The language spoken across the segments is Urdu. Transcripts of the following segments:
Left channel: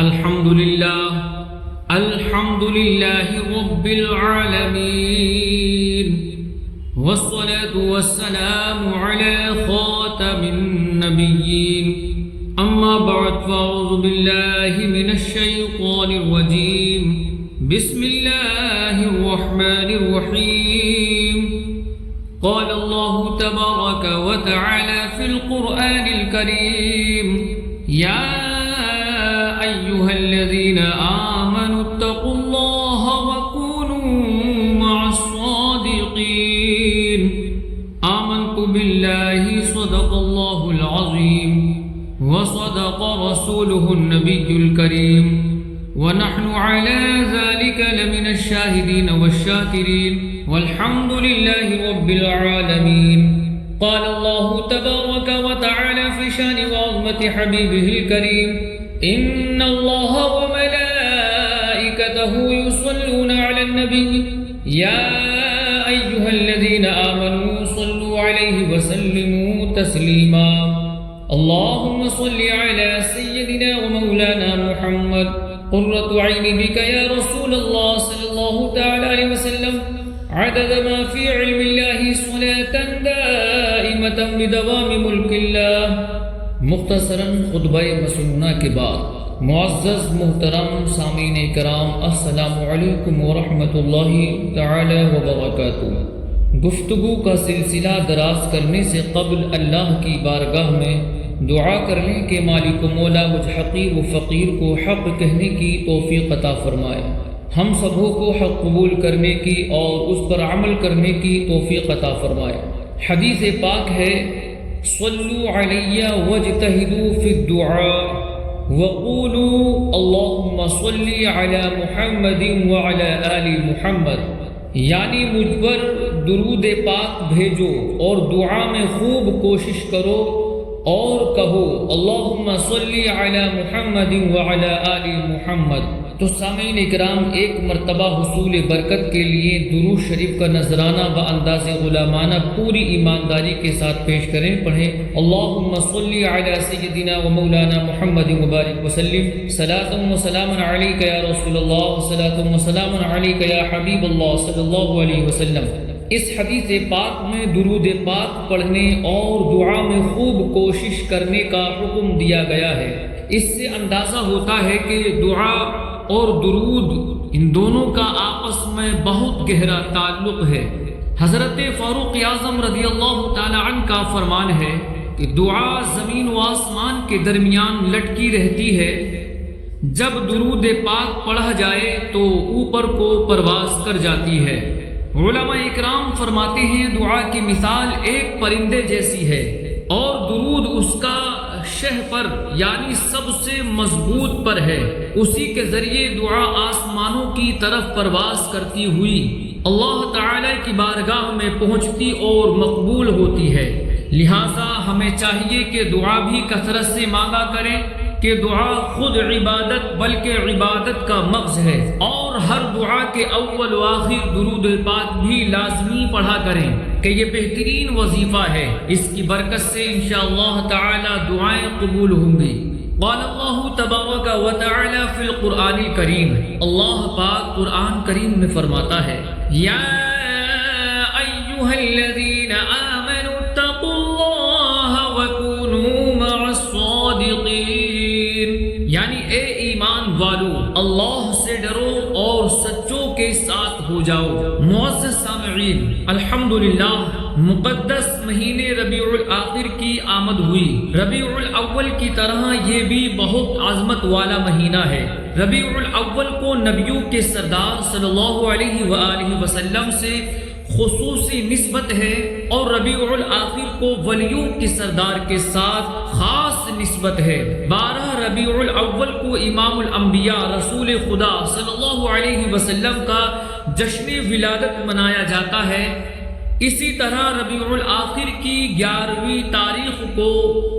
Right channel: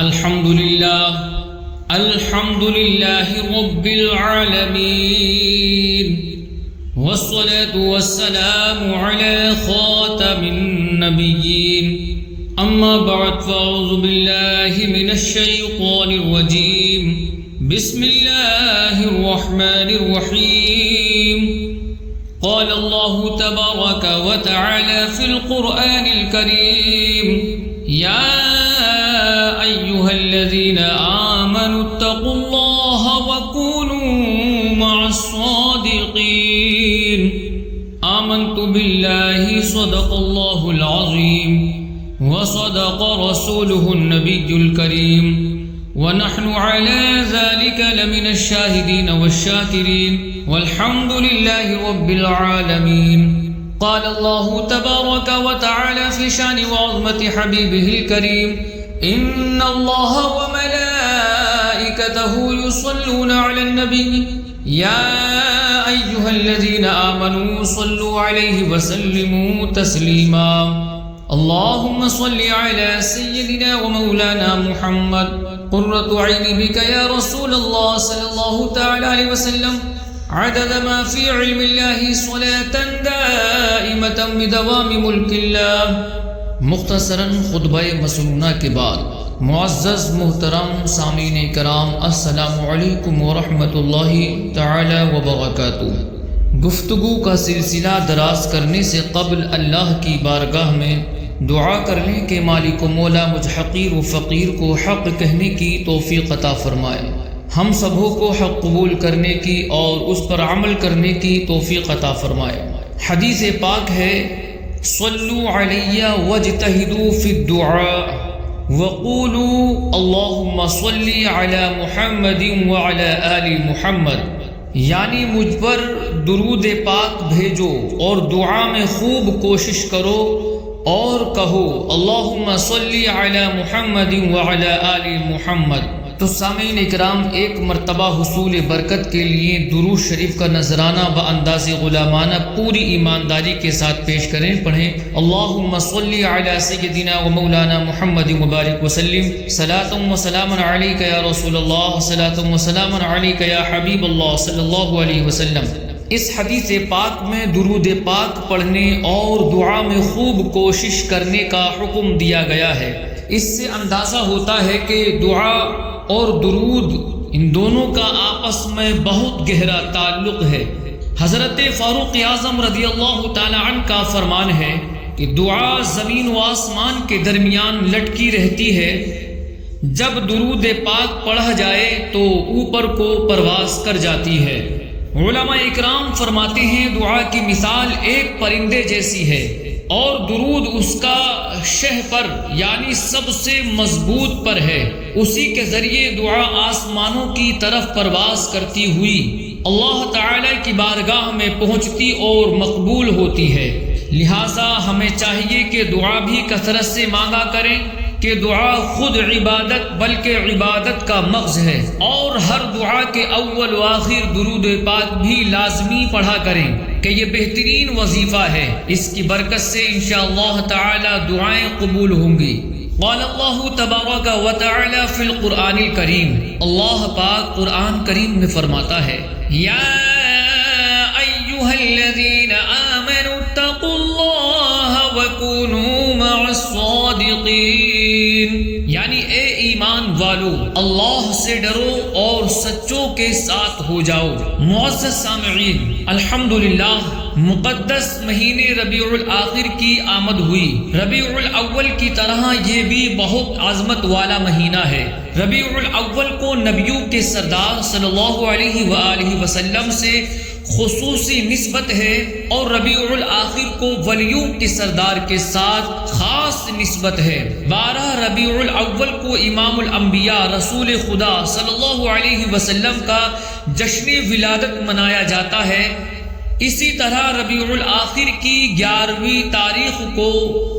الحمد لله رب العالمين والصلاة والسلام على خاتم النبيين أما بعد فأعوذ بالله من الشيطان الرجيم بسم الله الرحمن الرحيم قال الله تبارك وتعالى في القرآن الكريم يا أيها الذين آمنوا اتقوا الله وكونوا مع الصادقين آمنت بالله صدق الله العظيم وصدق رسوله النبي الكريم ونحن على ذلك لمن الشاهدين والشاكرين والحمد لله رب العالمين. قال الله تبارك وتعالى في شان وعظمة حبيبه الكريم إن الله وملائكته يصلون على النبي يا أيها الذين آمنوا صلوا عليه وسلموا تسليما. اللهم صل على سيدنا ومولانا محمد قرة عين بك يا رسول الله صلى الله تعالى عليه وسلم عدد ما في علم الله صلاة دائمة بدوام ملك الله. مختصراً خطبہ مسنونہ کے بعد معزز محترم سامعین کرام السلام علیکم ورحمۃ اللہ تعالی وبرکاتہ. گفتگو کا سلسلہ دراز کرنے سے قبل اللہ کی بارگاہ میں دعا کر لیں کہ مالک و مولا مجھ حقیر و فقیر کو حق کہنے کی توفیق عطا فرمائے، ہم سبوں کو حق قبول کرنے کی اور اس پر عمل کرنے کی توفیق عطا فرمائے. حدیث پاک ہے صلو علی واجتہدوا فی الدعاء وقولوا اللہم صلی علی محمد وعلی آل محمد، یعنی مجھ پر درود پاک بھیجو اور دعا میں خوب کوشش کرو اور کہو اللہم صلی علی محمد وعلی آل محمد. تو سامعین اکرام، ایک مرتبہ حصول برکت کے لیے درود شریف کا نذرانہ بانداز غلامانہ پوری ایمانداری کے ساتھ پیش کریں. پڑھیں اللہم صلی علی سیدنا و مولانا محمد مبارک وسلم صلاۃ و سلام علیک یا رسول اللہ صلاۃ و سلام علیک یا حبیب اللہ صلی اللہ علیہ وسلم. اس حدیث پاک میں درود پاک پڑھنے اور دعا میں خوب کوشش کرنے کا حکم دیا گیا ہے. اس سے اندازہ ہوتا ہے کہ دعا اور درود ان دونوں کا آپس میں بہت گہرا تعلق ہے. حضرت فاروق اعظم رضی اللہ تعالی عنہ کا فرمان ہے کہ دعا زمین و آسمان کے درمیان لٹکی رہتی ہے، جب درود پاک پڑھا جائے تو اوپر کو پرواز کر جاتی ہے. علماء اکرام فرماتے ہیں دعا کی مثال ایک پرندے جیسی ہے اور درود اس کا شہ پر یعنی سب سے مضبوط پر ہے. اسی کے ذریعے دعا آسمانوں کی طرف پرواز کرتی ہوئی اللہ تعالی کی بارگاہ میں پہنچتی اور مقبول ہوتی ہے. لہٰذا ہمیں چاہیے کہ دعا بھی کثرت سے مانگا کریں کہ دعا خود عبادت بلکہ عبادت کا مغز ہے، اور ہر دعا کے اول و آخر درود پاک بھی لازمی پڑھا کریں کہ یہ بہترین وظیفہ ہے. اس کی برکت سے انشاءاللہ تعالی دعائیں قبول ہوں گی. قال اللہ تبارک و تعالی فی القرآن الکریم، اللہ پاک قرآن کریم میں فرماتا ہے یا ایھا الذین آمنوا اتقوا اللہ وکونوا مع الصادقین، یعنی اے ایمان والو اللہ سے ڈرو اور سچوں کے ساتھ ہو جاؤ. معزز سامعین، الحمدللہ مقدس مہینے ربیع الاخر کی آمد ہوئی. ربیع الاول کی طرح یہ بھی بہت عظمت والا مہینہ ہے. ربیع الاول کو نبیوں کے سردار صلی اللہ علیہ وآلہ وسلم سے خصوصی نسبت ہے اور ربیع الاخر کو ولیوں کے سردار کے ساتھ خاص نسبت ہے. 12 ربیع الاول کو امام الانبیاء رسول خدا صلی اللہ علیہ وسلم کا جشن ولادت منایا جاتا ہے. اسی طرح ربیع الاخر کی 11ویں تاریخ کو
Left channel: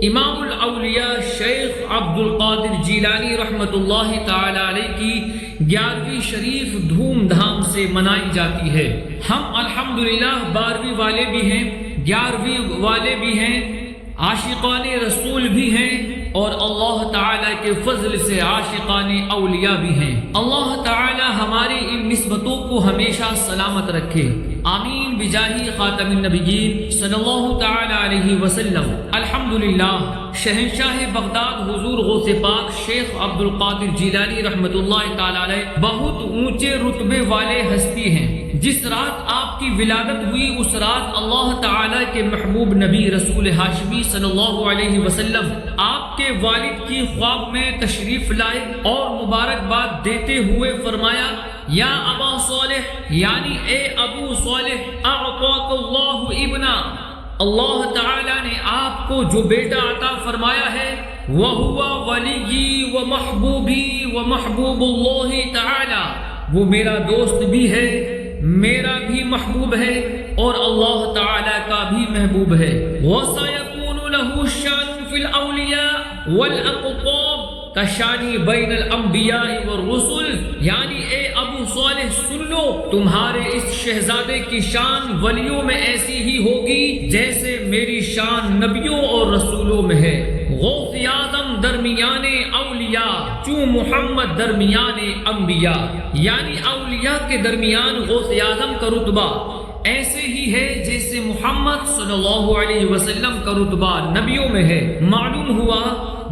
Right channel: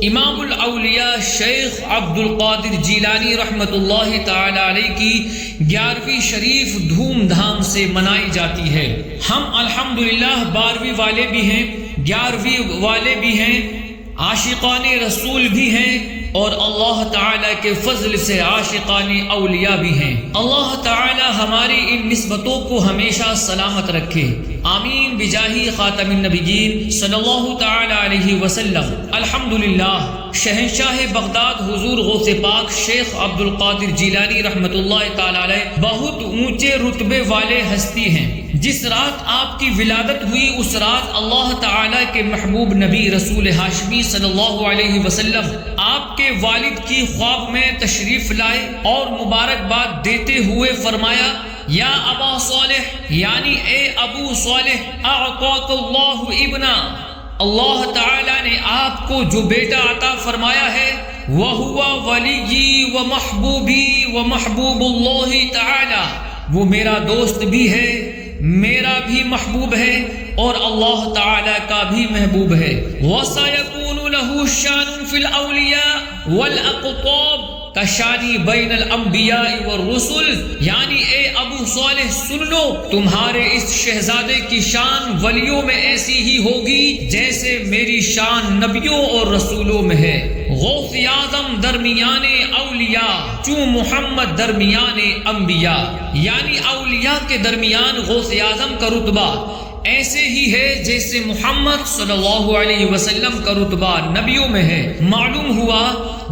امام الاولیاء شیخ عبد القادر جیلانی رحمۃ اللہ تعالی علیہ کی 11ویں شریف دھوم دھام سے منائی جاتی ہے. ہم الحمدللہ 12ویں والے بھی ہیں، 11ویں والے بھی ہیں، عاشقان رسول بھی ہیں، اور اللہ تعالیٰ کے فضل سے عاشقان اولیاء بھی ہیں۔ اللہ تعالیٰ ہماری ان نسبتوں کو ہمیشہ سلامت رکھے، آمین بجاہ خاتم النبیین صلی اللہ تعالیٰ علیہ وسلم۔ الحمدللہ، شہنشاہ بغداد حضور غوث پاک شیخ عبد القادر جیلانی رحمۃ اللہ تعالیٰ علیہ بہت اونچے رتبے والے ہستی ہیں۔ جس رات آپ کی ولادت ہوئی اس رات اللہ تعالیٰ کے محبوب نبی رسول ہاشمی صلی اللہ علیہ وسلم آپ کے والد کی خواب میں تشریف لائے اور مبارکباد دیتے ہوئے فرمایا، یا ابا صالح، یعنی اے ابو صالح، اعطاک اللہ ابنا، اللہ تعالیٰ نے آپ کو جو بیٹا عطا فرمایا ہے وَهُوَ وَلِيِّي وَمَحْبُوبِي وَمَحْبُوبُ اللَّهِ تعالیٰ، وہ میرا دوست بھی ہے، میرا بھی محبوب ہے اور اللہ تعالیٰ کا بھی محبوب ہے۔ وَسَيَكُونُ لَهُ شَانٌ فِي الْأَوْلِيَاءِ وَالْأَقْطَابِ کشانی بین الانبیاء والرسل، یعنی اے ابو صالح سن لو، تمہارے اس شہزادے کی شان ولیوں میں ایسی ہی ہوگی جیسے میری شان نبیوں اور رسولوں میں ہے۔ غوث اعظم درمیان اولیاء، چوں محمد درمیان انبیاء، یعنی اولیاء کے درمیان غوث اعظم کا رتبہ ایسے ہی ہے جیسے محمد صلی اللہ علیہ وسلم کا رتبہ نبیوں میں ہے۔ معلوم ہوا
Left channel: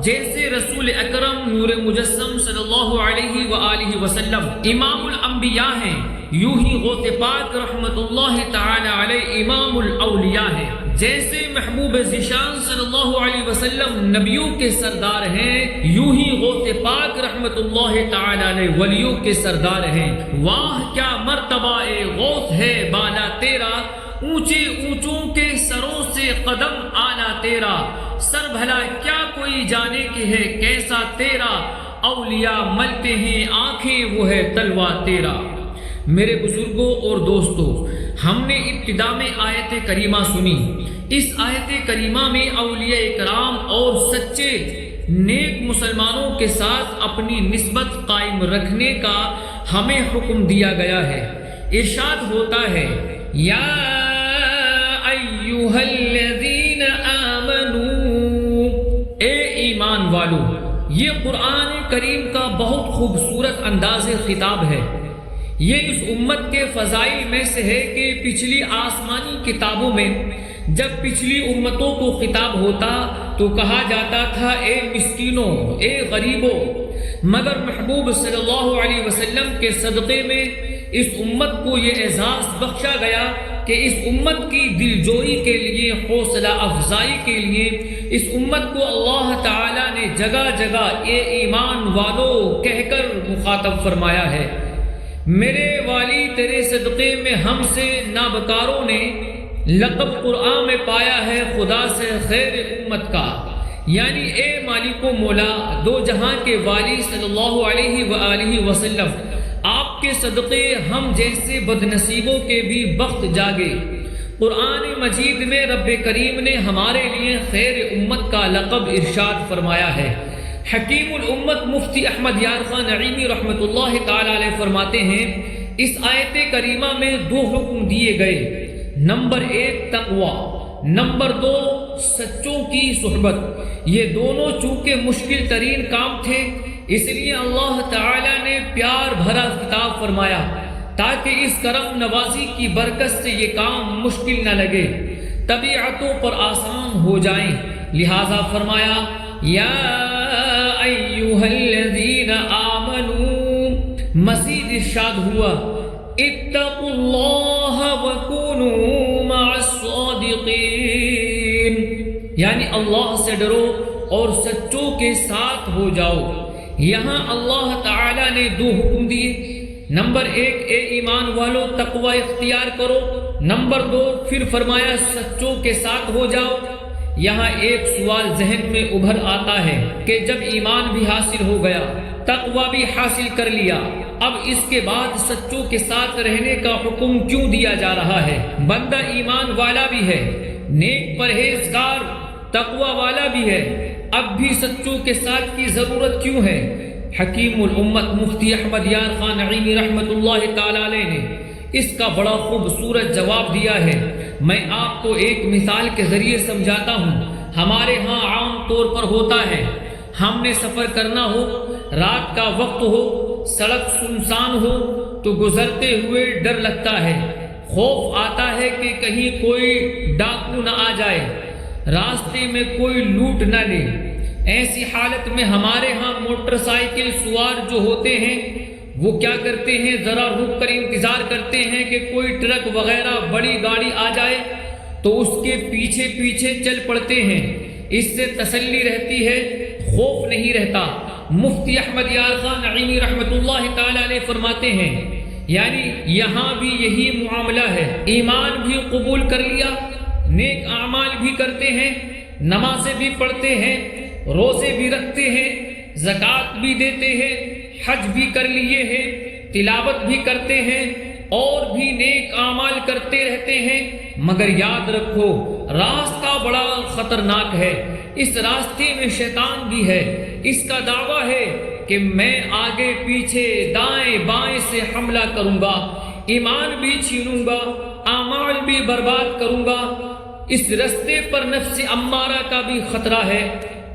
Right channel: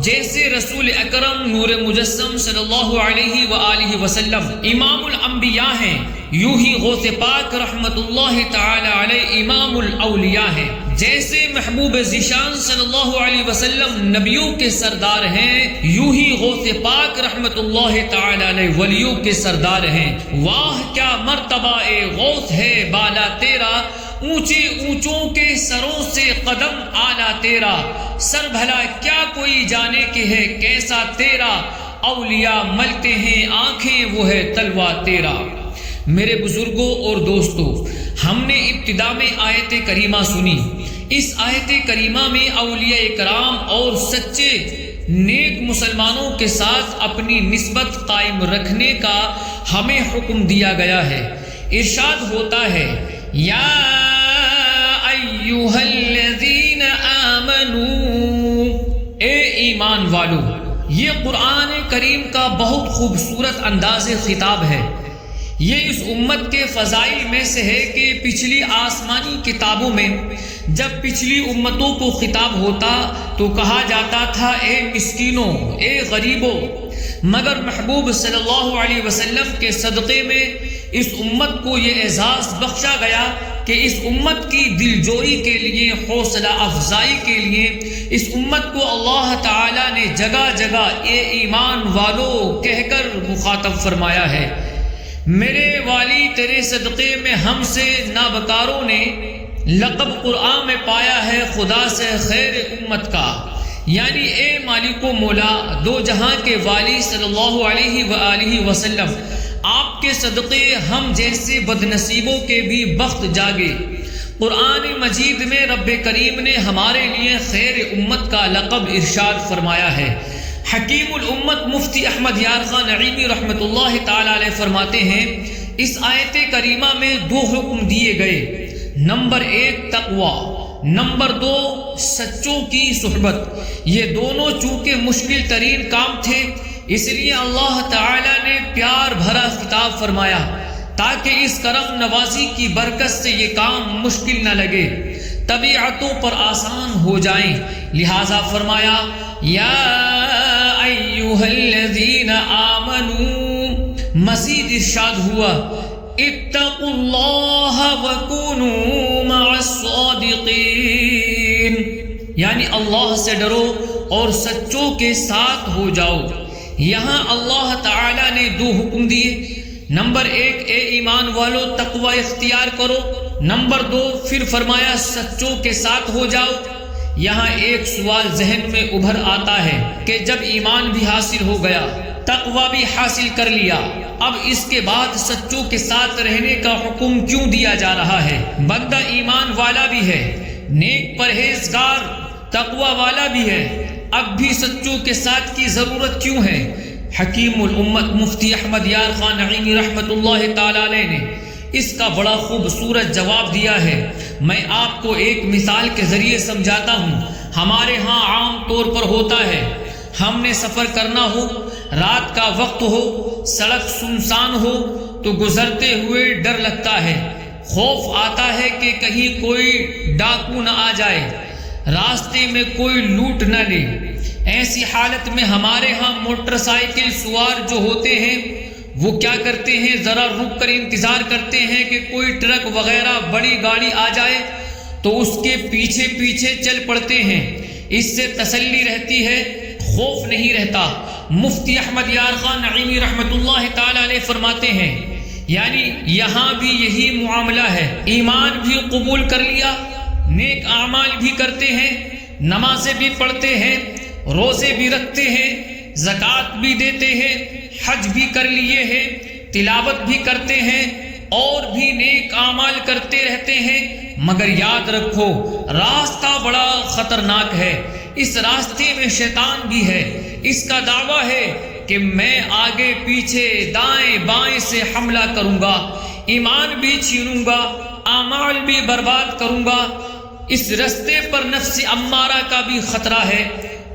جیسے رسول اکرم نور مجسم صلی اللہ علیہ وآلہ وسلم امام الانبیاء ہیں، یوں ہی غوث پاک رحمت اللہ تعالی علیہ امام الاولیاء ہیں۔ جیسے محبوب ذیشان صلی اللہ علیہ وسلم نبیوں کے سردار ہیں، یوں ہی غوث پاک رحمت اللہ تعالی علیہ ولیوں کے سردار ہیں۔ واہ کیا مرتبہ اے غوث ہے بالا تیرا، اونچے اونچوں کے سروں سے قدم آلا تیرا، سر بھلا کیا کوئی جانے کہ ہے کیسا تیرا، اولیاء ملتے ہیں آنکھیں وہ ہے تلوا تیرا۔ میرے بزرگوں اور دوستوں، ہم نے ابتدا میں آیت کریمہ سنی۔ اس آیت کریمہ میں اولیاء کرام اور سچے نیک مسلمانوں کے ساتھ اپنی نسبت قائم رکھنے کا ہمیں حکم دیا گیا ہے۔ ارشاد ہوتا ہے، یا ایھا الذین آمنو، اے ایمان والو۔ یہ قرآن کریم کا بہت خوبصورت انداز خطاب ہے۔ یہ اس امت کے فضائل میں سے ہے کہ پچھلی آسمانی کتابوں میں جب پچھلی امتوں کو خطاب ہوتا تو کہا جاتا تھا اے مسکینوں، اے غریبوں، مگر محبوب صلی اللہ علیہ وسلم کے صدقے میں اس امت کو یہ اعزاز بخشا گیا کہ اس امت کی دلجوئی کے لیے، حوصلہ افزائی کے لیے اس امت کو اللہ تعالیٰ نے جگہ جگہ اے ایمان والو کہہ کر مخاطب فرمایا ہے۔ میرے والی تیرے صدقے میں ہم سے نابکاروں نے لقب قرآن میں پایا ہے خدا سے خیر امت کا، یعنی اے مالک و مولا دو جہاں کے والی صلی اللہ علیہ وآلہ وسلم، آپ کے صدقے ہم جیسے بدنصیبوں کے بھی بخت جاگے۔ قرآن مجید میں رب کریم نے ہمارے لیے خیر امت کا لقب ارشاد فرمایا ہے۔ حکیم الامت مفتی احمد یار خان نعیمی رحمت اللہ تعالی علیہ فرماتے ہیں، اس آیت کریمہ میں دو حکم دیے گئے، نمبر 1 تقوی، نمبر 2 سچوں کی صحبت۔ یہ دونوں چونکہ مشکل ترین کام تھے، اس لیے اللہ تعالی نے پیار بھرا خطاب فرمایا تاکہ اس کرم نوازی کی برکت سے یہ کام مشکل نہ لگے، طبیعتوں پر آسان ہو جائیں۔ لہذا فرمایا، یا ایھا الذین آمنوا، مزید ارشاد ہوا، اتقوا اللہ وکونوا مع الصادقین، یعنی اللہ سے ڈرو اور سچوں کے ساتھ ہو جاؤ۔ یہاں اللہ تعالی نے دو حکم دیے، نمبر 1 اے ایمان والو تقوی اختیار کرو، نمبر 2 پھر فرمایا سچوں کے ساتھ ہو جاؤ۔ یہاں ایک سوال ذہن میں ابھر آتا ہے کہ جب ایمان بھی حاصل ہو گیا، تقوی بھی حاصل کر لیا، اب اس کے بعد سچوں کے ساتھ رہنے کا حکم کیوں دیا جا رہا ہے؟ بندہ ایمان والا بھی ہے، نیک پرہیزگار تقوی والا بھی ہے، اب بھی سچوں کے ساتھ کی ضرورت کیوں ہے؟ حکیم الامت مفتی احمد یار خان نعیمی رحمت اللہ تعالی علیہ نے اس کا بڑا خوبصورت جواب دیا ہے۔ میں آپ کو ایک مثال کے ذریعے سمجھاتا ہوں۔ ہمارے ہاں عام طور پر ہوتا ہے ہم نے سفر کرنا ہو، رات کا وقت ہو، سڑک سنسان ہو تو گزرتے ہوئے ڈر لگتا ہے، خوف آتا ہے کہ کہیں کوئی ڈاکو نہ آ جائے، راستے میں کوئی لوٹ نہ لے۔ ایسی حالت میں ہمارے ہاں موٹر سائیکل سوار جو ہوتے ہیں وہ کیا کرتے ہیں، ذرا رک کر انتظار کرتے ہیں کہ کوئی ٹرک وغیرہ بڑی گاڑی آ جائے تو اس کے پیچھے پیچھے چل پڑتے ہیں، اس سے تسلی رہتی ہے، خوف نہیں رہتا۔ مفتی احمد یار خان نعیمی رحمۃ اللہ تعالی علیہ فرماتے ہیں یعنی یہاں بھی یہی معاملہ ہے، ایمان بھی قبول کر لیا، نیک اعمال بھی کرتے ہیں، نمازیں بھی پڑھتے ہیں، روزے بھی رکھتے ہیں، زکوٰۃ بھی دیتے ہیں، حج بھی کر لیے ہیں، تلاوت بھی کرتے ہیں اور بھی نیک اعمال کرتے رہتے ہیں، مگر یاد رکھو راستہ بڑا خطرناک ہے، اس راستے میں شیطان بھی ہے، اس کا دعویٰ ہے کہ میں آگے پیچھے دائیں بائیں سے حملہ کروں گا، ایمان بھی چھینوں گا، اعمال بھی برباد کروں گا۔ اس راستے پر نفس امارہ کا بھی خطرہ ہے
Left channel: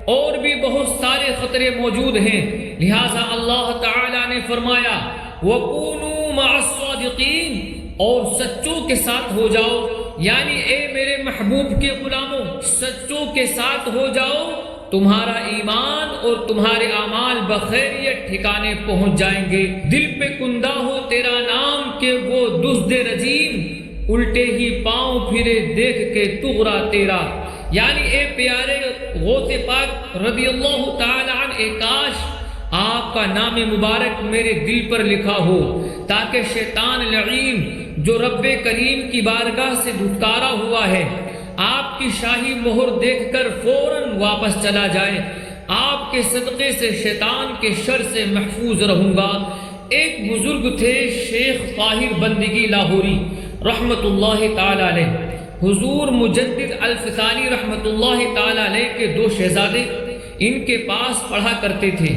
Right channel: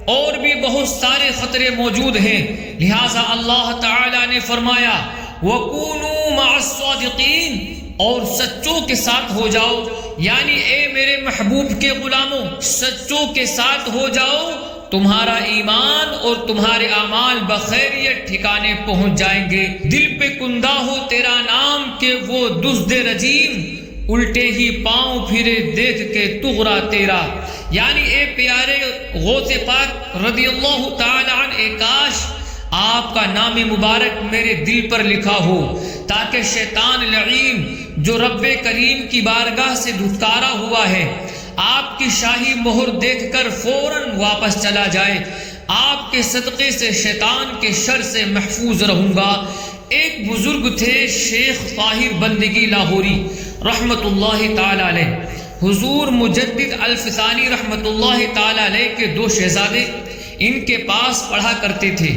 اور بھی بہت سارے خطرے موجود ہیں، لہٰذا اللہ تعالی نے فرمایا وَكُونُوا مَعَ الصَّادِقِينَ، اور سچوں کے ساتھ ہو جاؤ، یعنی اے میرے محبوب کے غلاموں سچوں کے ساتھ ہو جاؤ، تمہارا ایمان اور تمہارے اعمال بخیریت ٹھکانے پہنچ جائیں گے۔ دل پہ کندہ ہو تیرا نام کہ وہ دزد رجیم، الٹے ہی پاؤں پھرے دیکھ کے تغرا تیرا، یعنی اے پیارے غوث پاک رضی اللہ تعالی عنہ، کاش آپ کا نام مبارک میرے دل پر لکھا ہو تاکہ شیطان لعین جو رب کریم کی بارگاہ سے دھتکارا ہوا ہے آپ کی شاہی مہر دیکھ کر فوراً واپس چلا جائے، آپ کے صدقے سے شیطان کے شر سے محفوظ رہوں گا۔ ایک بزرگ تھے شیخ طاہر بندگی لاہوری رحمت اللہ تعالی علیہ، حضور مجدد الفسانی رحمت اللہ تعالی علیہ کے دو شہزادے ان کے پاس پڑھا کرتے تھے۔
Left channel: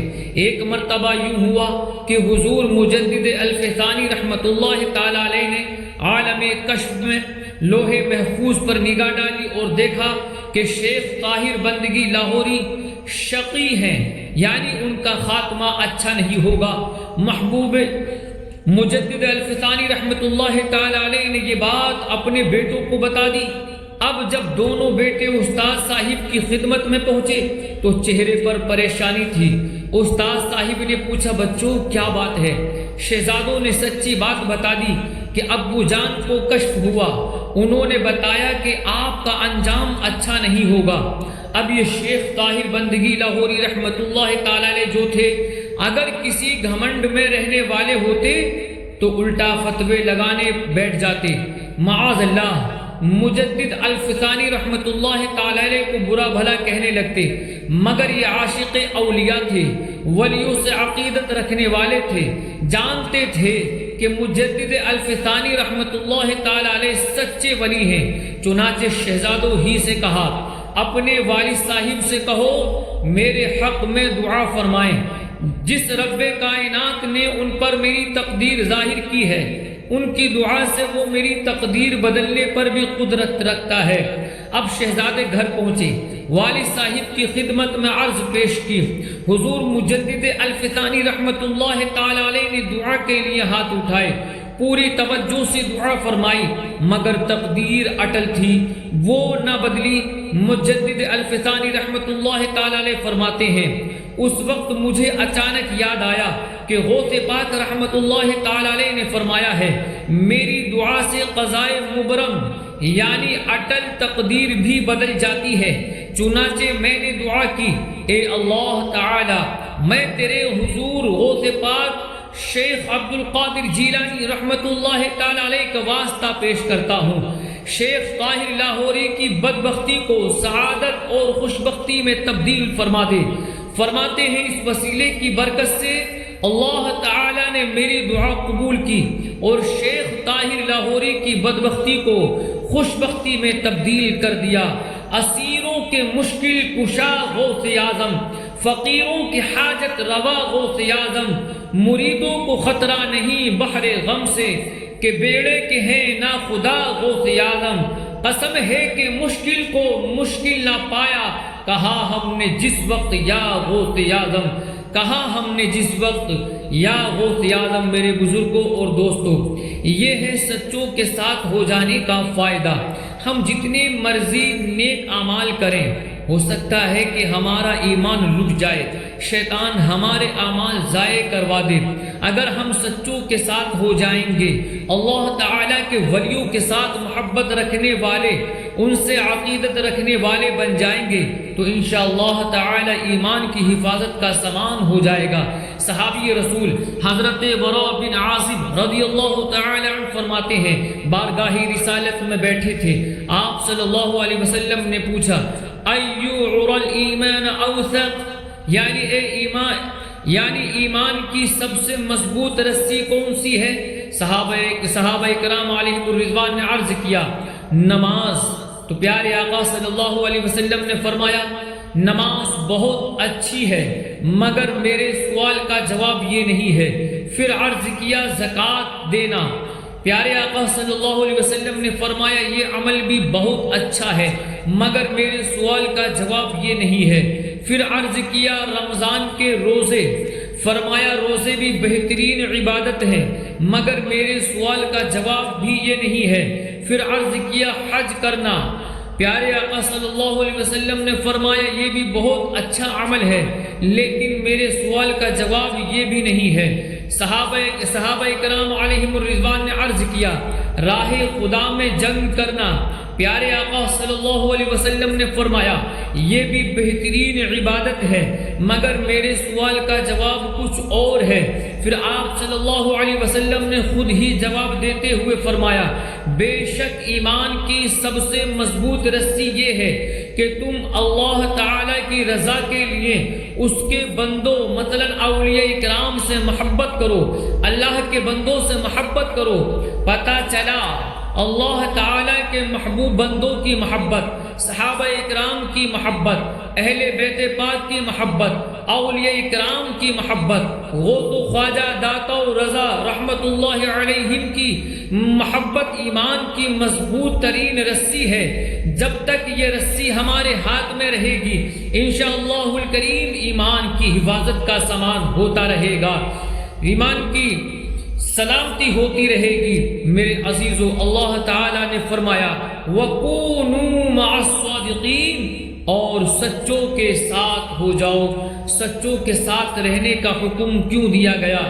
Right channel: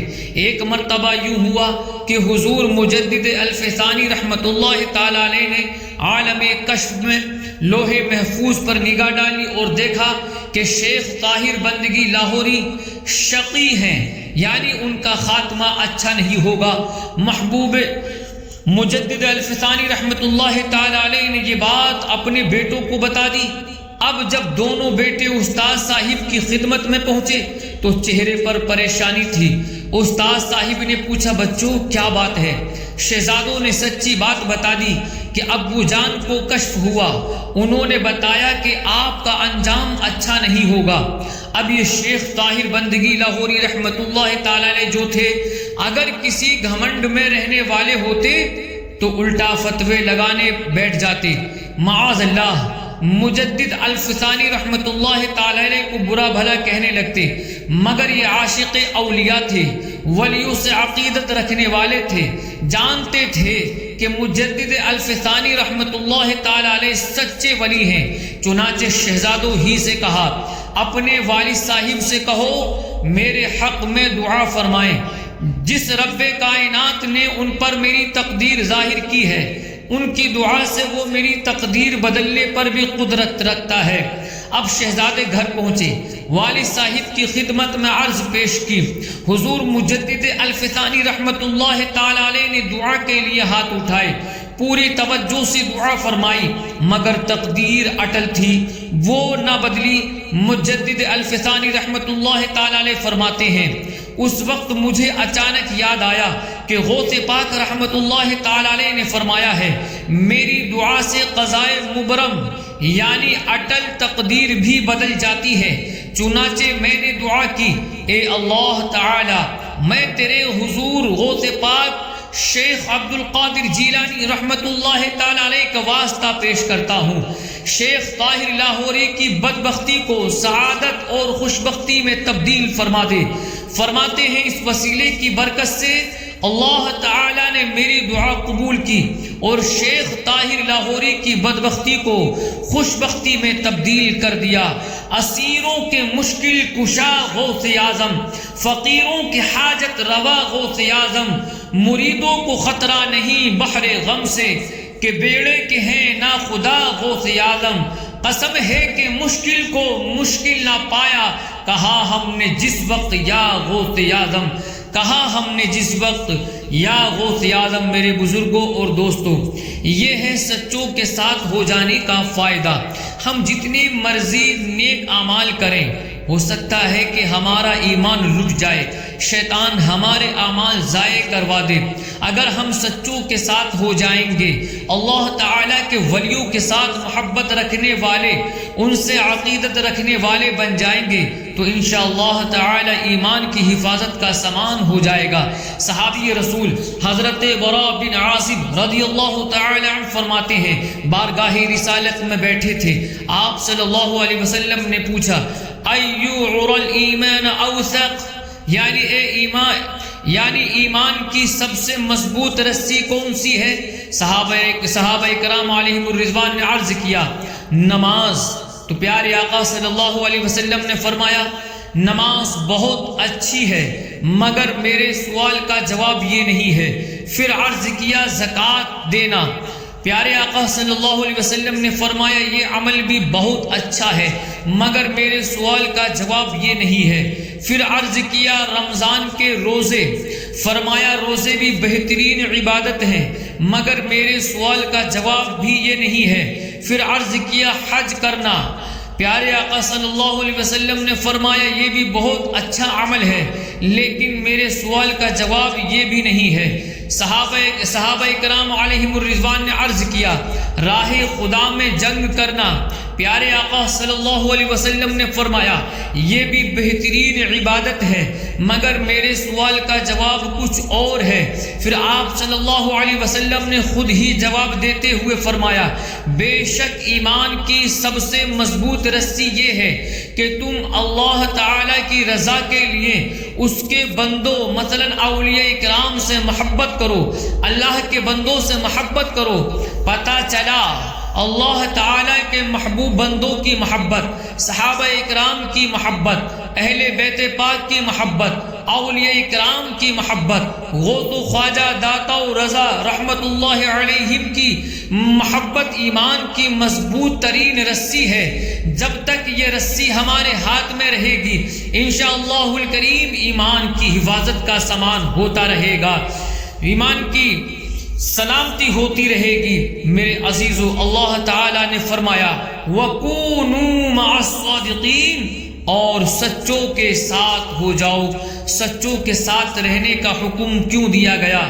ایک مرتبہ یوں ہوا کہ حضور مجدد الفسانی رحمت اللہ تعالی علیہ نے عالم کشف میں لوح محفوظ پر نگاہ ڈالی اور دیکھا کہ شیخ طاہر بندگی لاہوری شقی ہیں، یعنی ان کا خاتمہ اچھا نہیں ہوگا۔ محبوب مجدد الفسانی رحمت اللہ تعالی علیہ نے یہ بات اپنے بیٹوں کو بتا دی۔ اب جب دونوں بیٹے استاد صاحب کی خدمت میں پہنچے تو چہرے پر پریشانی تھی۔ استاد صاحب نے پوچھا بچوں کیا بات ہے؟ شہزادوں نے سچی بات بتا دی کہ ابو جان کو کشف ہوا، انہوں نے بتایا کہ آپ کا انجام اچھا نہیں ہوگا۔ اب یہ شیخ طاہر بندگی لاہوری رحمت اللہ تعالی علیہ جو تھے اگر کسی گھمنڈ میں رہنے والے ہوتے تو الٹا فتوے لگانے بیٹھ جاتے، معاذ اللہ۔ مجدد الفسانی رحمت اللہ تعالی علیہ کو برا بھلا کہنے لگتے، مگر یہ عاشق اولیاء تھے، ولیوں سے عقیدت رکھنے والے تھے، جانتے تھے کہ مجدد الفسانی رحمت اللہ تعالی علیہ سچے ولی ہیں۔ چنانچہ شہزادوں ہی سے کہا اپنے والد صاحب سے کہو میرے حق میں دعا فرمائیں، جس رب کائنات نے ان پر میری تقدیر ظاہر کی ہے ان کی دعا سے وہ میری تقدیر بدلنے پر بھی قدرت رکھتا ہے۔ اب شہزادے گھر پہنچے، والد صاحب کی خدمت میں عرض پیش کی، حضور مجدد الفسانی رحمت اللہ تعالی علیہ نے دعا کے لیے ہاتھ اٹھائے، پوری توجہ سے دعا فرمائی، مگر تقدیر اٹل تھی، وہ نہ بدلی۔ مجدد الفسانی رحمت اللہ تعالی علیہ فرماتے ہیں اس وقت مجھے اچانک یاد آیا کہ غوث پاک رحمت اللہ تعالی علیہ نے فرمایا ہے میری دعا سے قضائے مبرم یعنی اٹل تقدیر بھی بدل جاتی ہے۔ چنانچہ میں نے دعا کی، اے اللہ تعالی میں تیرے حضور غوث پاک شیخ عبد القادر جیلانی رحمت اللہ تعالی علیہ کا واسطہ پیش کرتا ہوں، شیخ طاہر لاہوری کی بدبختی کو سعادت اور خوشبختی میں تبدیل فرما دے۔ فرماتے ہیں اس وسیلے کی برکت سے اللہ تعالی نے میری دعا قبول کی اور شیخ طاہر لاہوری کی بدبختی کو خوشبختی میں تبدیل کر دیا۔ اسیروں کے مشکل کشا غوث اعظم، فقیروں کی حاجت روا غوث اعظم، مریدوں کو خطرہ نہیں بحر غم سے کہ بیڑے کے ہیں نا خدا غوث اعظم۔ قسم ہے کہ مشکل کو مشکل نہ پایا کہا ہم نے جس وقت یا غوث اعظم، کہا ہم نے جس وقت یا غوث اعظم۔ میرے بزرگوں اور دوستوں، یہ ہے سچوں کے ساتھ ہو جانے کا فائدہ۔ ہم جتنی مرضی نیک اعمال کریں، ہو سکتا ہے کہ ہمارا ایمان لٹ جائے، شیطان ہمارے اعمال ضائع کروا دے۔ اگر ہم سچوں کے ساتھ ہو جائیں گے، اللہ تعالیٰ کے ولیوں کے ساتھ محبت رکھنے والے، ان سے عقیدت رکھنے والے بن جائیں گے، تو انشاءاللہ تعالیٰ ایمان کی حفاظت کا سامان ہو جائے گا۔ صحابی رسول حضرت براء بن عازب رضی اللہ تعالیٰ عنہ فرماتے ہیں، بارگاہ رسالت میں بیٹھے تھے، آپ صلی اللہ علیہ وسلم نے پوچھا، ایو عر الایمان اوثق، یعنی ایمان کی سب سے مضبوط رسی کون سی ہے؟ صحابہ کرام علیہم الرضوان نے عرض کیا، نماز۔ تو پیارے آقا صلی اللہ علیہ وسلم نے فرمایا، نماز بہت اچھی ہے، مگر میرے سوال کا جواب یہ نہیں ہے۔ پھر عرض کیا، زکوٰۃ دینا۔ پیارے آقا صلی اللہ علیہ وسلم نے فرمایا، یہ عمل بھی بہت اچھا ہے، مگر میرے سوال کا جواب یہ نہیں ہے۔ پھر عرض کیا، رمضان کے روزے۔ فرمایا، روزے بھی بہترین عبادت ہیں، مگر میرے سوال کا جواب بھی یہ نہیں ہے۔ پھر عرض کیا، حج کرنا۔ پیارے آقا صلی اللہ علیہ وسلم نے فرمایا، یہ بھی بہت اچھا عمل ہے، لیکن میرے سوال کا جواب یہ بھی نہیں ہے۔ صحابہ کرام علیہم الرضوان نے عرض کیا، راہ خدا میں جنگ کرنا۔ پیارے آقا صلی اللہ علیہ وسلم نے فرمایا، یہ بھی بہترین عبادت ہے، مگر میرے سوال کا جواب کچھ اور ہے۔ پھر آپ صلی اللہ علیہ وسلم نے خود ہی جواب دیتے ہوئے فرمایا، بے شک ایمان کی سب سے مضبوط رسی یہ ہے کہ تم اللہ تعالی کی رضا کے لیے اس کے بندوں مثلا اولیاء کرام سے محبت کرو، اللہ کے بندوں سے محبت کرو۔ پتہ چلا اللہ تعالیٰ کے محبوب بندوں کی محبت، صحابہ اکرام کی محبت، اہل بیت پاک کی محبت، اولیاء اکرام کی محبت، غوث و خواجہ داتا و رضا رحمت اللہ علیہم کی محبت ایمان کی مضبوط ترین رسی ہے۔ جب تک یہ رسی ہمارے ہاتھ میں رہے گی، انشاءاللہ الکریم ایمان کی حفاظت کا سامان ہوتا رہے گا، ایمان کی سلامتی ہوتی رہے گی۔ میرے عزیزو، اللہ تعالیٰ نے فرمایا، وَكُونُوا مَعَ الصَّادِقِينَ، اور سچوں کے ساتھ ہو جاؤ۔ سچوں کے ساتھ رہنے کا حکم کیوں دیا گیا؟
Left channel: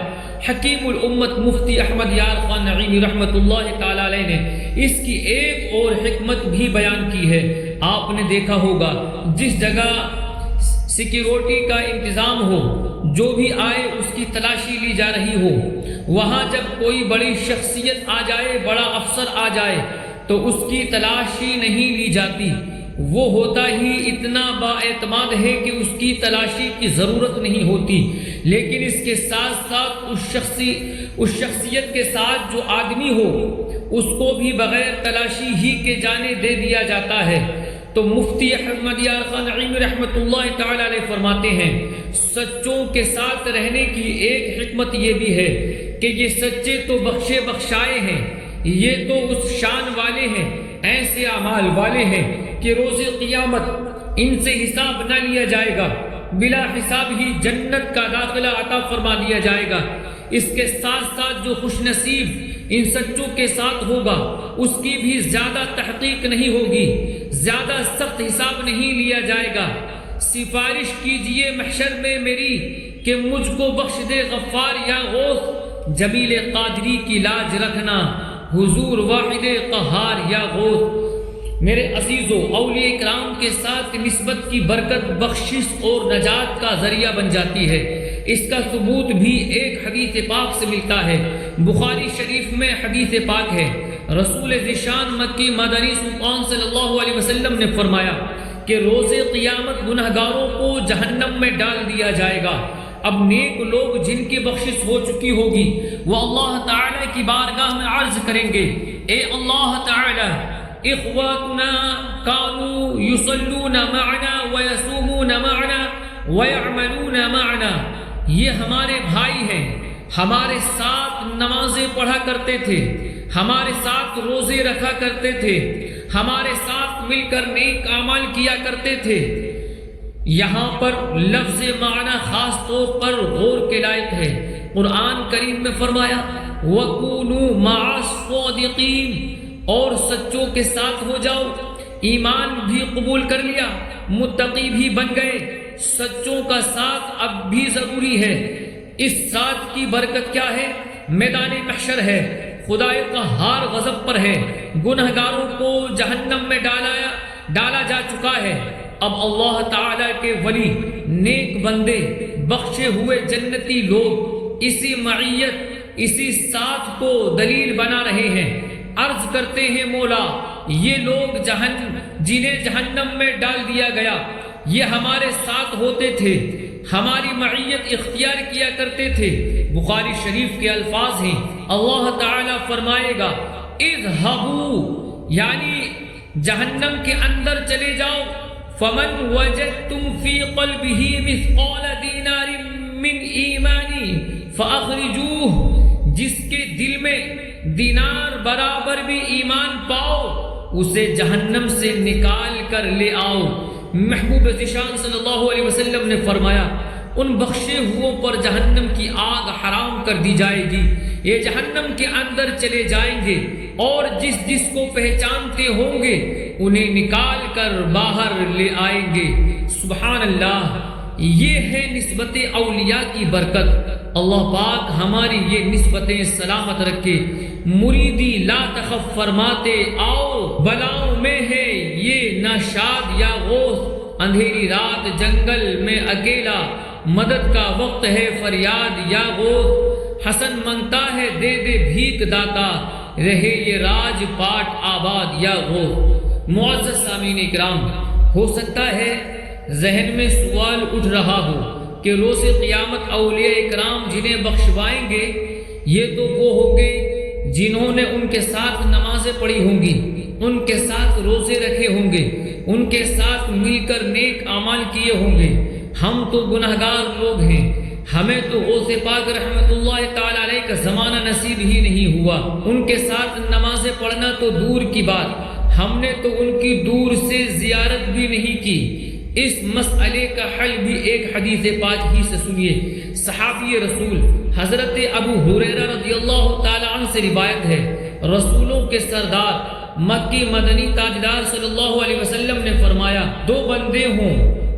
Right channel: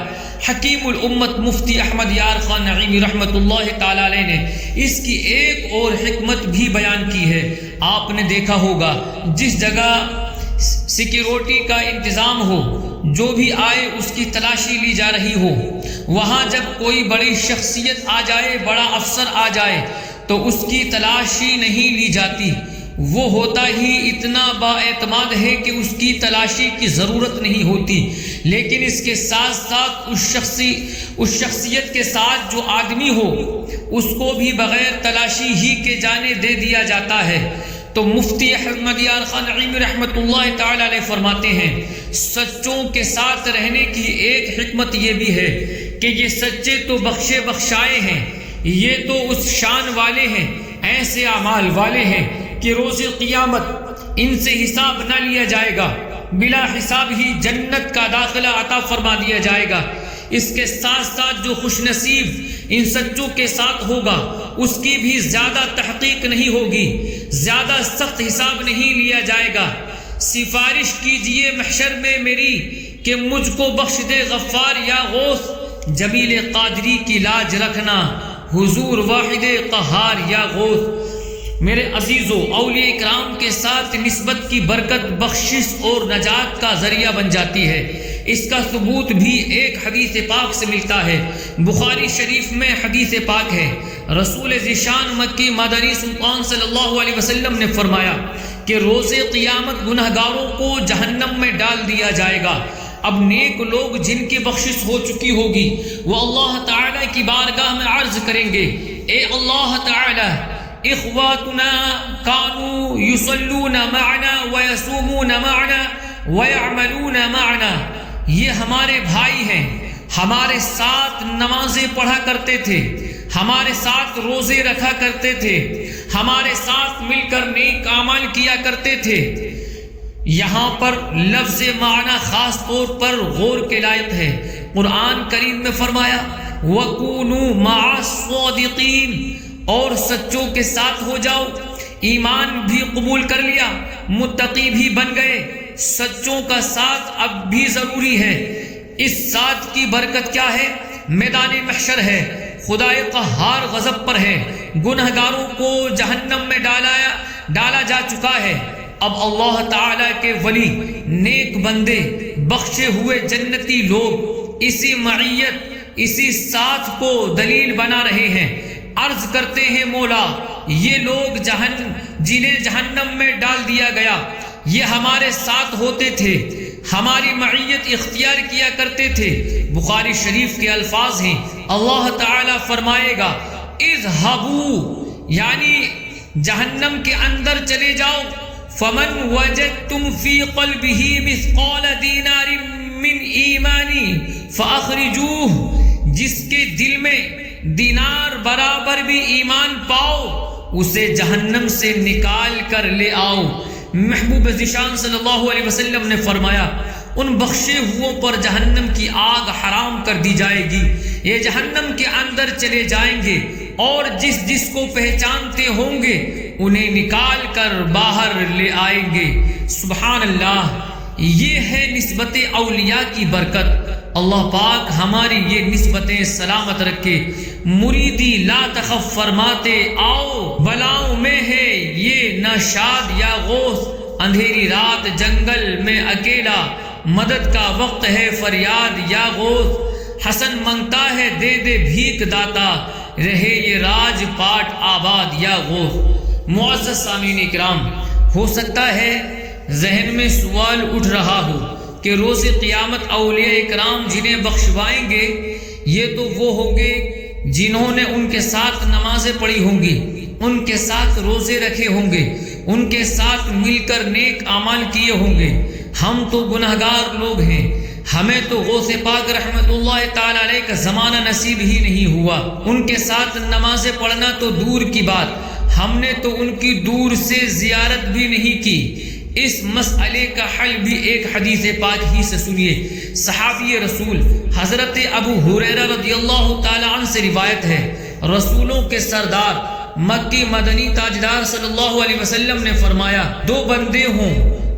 حکیم الامت مفتی احمد یار خان نعیمی رحمت اللہ تعالیٰ علیہ نے اس کی ایک اور حکمت بھی بیان کی ہے۔ آپ نے دیکھا ہوگا، جس جگہ سیکیورٹی کا انتظام ہو، جو بھی آئے اس کی تلاشی لی جا رہی ہو، وہاں جب کوئی بڑی شخصیت آ جائے، بڑا افسر آ جائے، تو اس کی تلاشی نہیں لی جاتی۔ وہ ہوتا ہی اتنا با اعتماد ہے کہ اس کی تلاشی کی ضرورت نہیں ہوتی، لیکن اس کے ساتھ ساتھ اس شخصیت کے ساتھ جو آدمی ہو، اس کو بھی بغیر تلاشی ہی کے جانے دے دیا جاتا ہے۔ تو مفتی احمد یار خان نعیمی رحمت اللہ تعالی علیہ فرماتے ہیں، سچوں کے ساتھ رہنے کی ایک حکمت یہ بھی ہے کہ یہ سچے تو بخشے بخشائے ہیں، یہ تو اس شان والے ہیں، ایسے اعمال والے ہیں کہ روز قیامت ان سے حساب نہ لیا جائے گا، بلا حساب ہی جنت کا داخلہ عطا فرما دیا جائے گا۔ اس کے ساتھ ساتھ جو خوش نصیب ان سچوں کے ساتھ ہوگا، اس کی بھی زیادہ تحقیق نہیں ہوگی، زیادہ سخت حساب نہیں لیا جائے گا۔ سفارش کیجئے محشر میں میری کہ مجھ کو بخش دے غفار یا غوث، جمیل قادری کی لاج رکھنا حضور واحد قہار یا غوث۔ میرے عزیزو، اولیاء کرام کے ساتھ نسبت کی برکت بخشش اور نجات کا ذریعہ بن جاتی ہے۔ اس کا ثبوت بھی ایک حدیث پاک سے ملتا ہے، بخاری شریف میں حدیث پاک ہے، رسول ذیشان مکی مدنی سلطان صلی اللہ علیہ وسلم نے فرمایا کہ روز قیامت گنہگاروں کو جہنم میں ڈال دیا جائے گا۔ اب نیک لوگ جن کی بخشش ہو چکی ہوگی، وہ اللہ تعالی کی بارگاہ میں عرض کریں گے، اے اللہ تعالی، اخواتنا کانوا یصلون معنا ویصومون معنا ویعملون معنا، یہ ہمارے بھائی ہیں، ہمارے ساتھ نمازیں پڑھا کرتے تھے، ہمارے ساتھ روزے رکھا کرتے تھے، ہمارے ساتھ مل کر نیک اعمال کیا کرتے تھے، یہاں پر لفظ معنی خاص طور پر غور کے لائق ہے۔ قرآن کریم میں فرمایا وَكُونُوا مَعَ الصَّادِقِينَ، اور سچوں کے ساتھ ہو جاؤ۔ ایمان بھی قبول کر لیا، متقی بھی بن گئے، سچوں کا ساتھ اب بھی ضروری ہے۔ اس ساتھ کی برکت کیا ہے؟ میدان محشر ہے، خدائے قہار غضب پر ہے، گنہگاروں کو جہنم میں ڈالا جا چکا ہے۔ اب اللہ تعالیٰ کے ولی، نیک بندے، بخشے ہوئے جنتی لوگ اسی معیت، اسی ساتھ کو دلیل بنا رہے ہیں۔ عرض کرتے ہیں مولا، یہ لوگ جنہیں جہنم میں ڈال دیا گیا، یہ ہمارے ساتھ ہوتے تھے، ہماری معیت اختیار کیا کرتے تھے۔ بخاری شریف کے الفاظ ہیں، اللہ تعالیٰ فرمائے گا اذهبوا، یعنی جہنم کے اندر چلے جاؤ، فمن وجدتم فی قلبہ مثقال دینار من ایمانی فاخرجوہ، جس کے دل میں دینار برابر بھی ایمان پاؤ، اسے جہنم سے نکال کر لے آؤ۔ محبوب ذیشان صلی اللہ علیہ وسلم نے فرمایا ان بخشے ہوئوں پر جہنم کی آگ حرام کر دی جائے گی، یہ جہنم کے اندر چلے جائیں گے اور جس کو پہچانتے ہوں گے انہیں نکال کر باہر لے آئیں گے۔ سبحان اللہ، یہ ہے نسبت اولیاء کی برکت۔ اللہ پاک ہماری یہ نسبتیں سلامت رکھے۔ مریدی لا تخف فرماتے آؤ، بلاؤں میں ہے یہ نہ شاد یا غوث، اندھیری رات جنگل میں اکیلا، مدد کا وقت ہے فریاد یا غوث، حسن منگتا ہے دے دے بھیک داتا، رہے یہ راج پاٹ آباد یا غوث۔ معزز سامعین اکرام، ہو سکتا ہے ذہن میں سوال اٹھ رہا ہو کہ روز قیامت اولیاء اکرام جنہیں بخشوائیں گے یہ تو وہ ہوں گے جنہوں نے ان کے ساتھ نمازیں پڑھی ہوں گی، ان کے ساتھ روزے رکھے ہوں گے، ان کے ساتھ مل کر نیک اعمال کیے ہوں گے۔ ہم تو گناہگار لوگ ہیں، ہمیں تو غوث پاک رحمت اللہ تعالی علیہ کا زمانہ نصیب ہی نہیں ہوا، ان کے ساتھ نمازیں پڑھنا تو دور کی بات، ہم نے تو ان کی دور سے زیارت بھی نہیں کی۔ اس مسئلے کا حل بھی ایک حدیث پاک ہی سے سنیے۔ صحابی رسول حضرت ابو ہریرہ رضی اللہ تعالی عنہ سے روایت ہے، رسولوں کے سردار مکی مدنی تاجدار صلی اللہ علیہ وسلم نے فرمایا، دو بندے ہوں،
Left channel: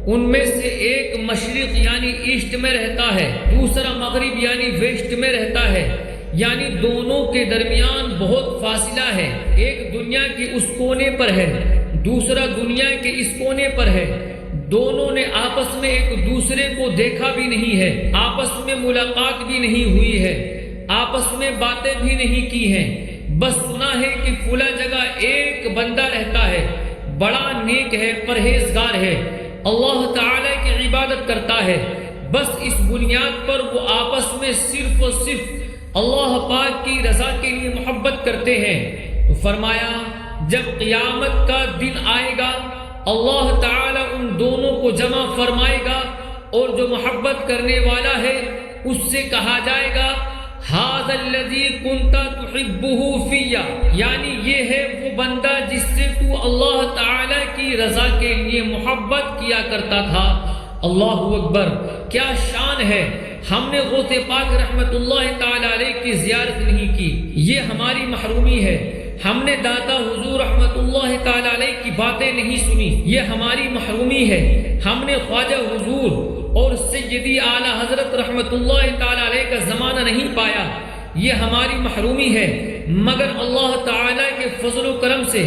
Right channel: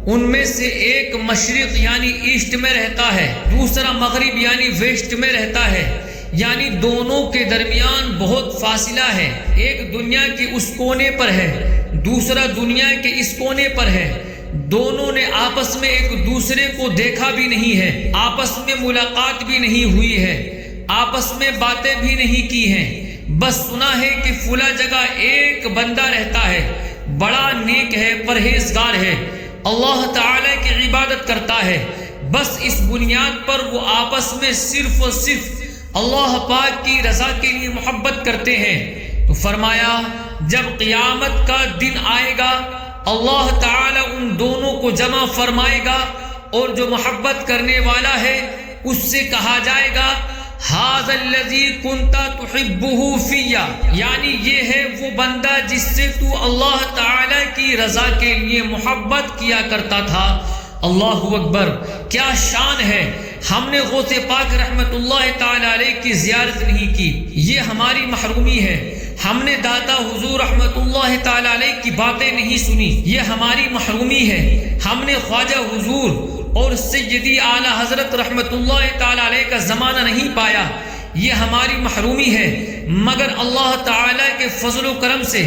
ان میں سے ایک مشرق یعنی ایسٹ میں رہتا ہے، دوسرا مغرب یعنی ویسٹ میں رہتا ہے، یعنی دونوں کے درمیان بہت فاصلہ ہے، ایک دنیا کے اس کونے پر ہے، دوسرا دنیا کے اس کونے پر ہے، دونوں نے آپس میں ایک دوسرے کو دیکھا بھی نہیں ہے، آپس میں ملاقات بھی نہیں ہوئی ہے، آپس میں باتیں بھی نہیں کی ہیں، بس سنا ہے کہ فلاں جگہ ایک بندہ رہتا ہے، بڑا نیک ہے، پرہیزگار ہے، اللہ تعالی کی عبادت کرتا ہے، بس اس بنیاد پر وہ آپس میں صرف اور صرف اللہ پاک کی رضا کے لیے محبت کرتے ہیں۔ تو فرمایا جب قیامت کا دن آئے گا اللہ تعالی ان دونوں کو جمع فرمائے گا اور جو محبت کرنے والا ہے اس سے کہا جائے گا ھذا الذی کنت تحبہ فی، یعنی یہ ہے وہ بندہ جس سے تو اللہ تعالی کی رضا کے لیے محبت کیا کرتا تھا۔ اللہ اکبر، کیا شان ہے! ہم نے غوث پاک رحمت اللہ تعالی علیہ کی زیارت نہیں کی، یہ ہماری محرومی ہے۔ ہم نے داتا حضور رحمت اللہ تعالی علیہ کی باتیں نہیں سنی، یہ ہماری محرومی ہے۔ ہم نے خواجہ حضور اور سیدی اعلی حضرت رحمت اللہ تعالی علیہ کا زمانہ نہیں پایا، یہ ہماری محرومی ہے۔ مگر اللہ تعالی کے فضل و کرم سے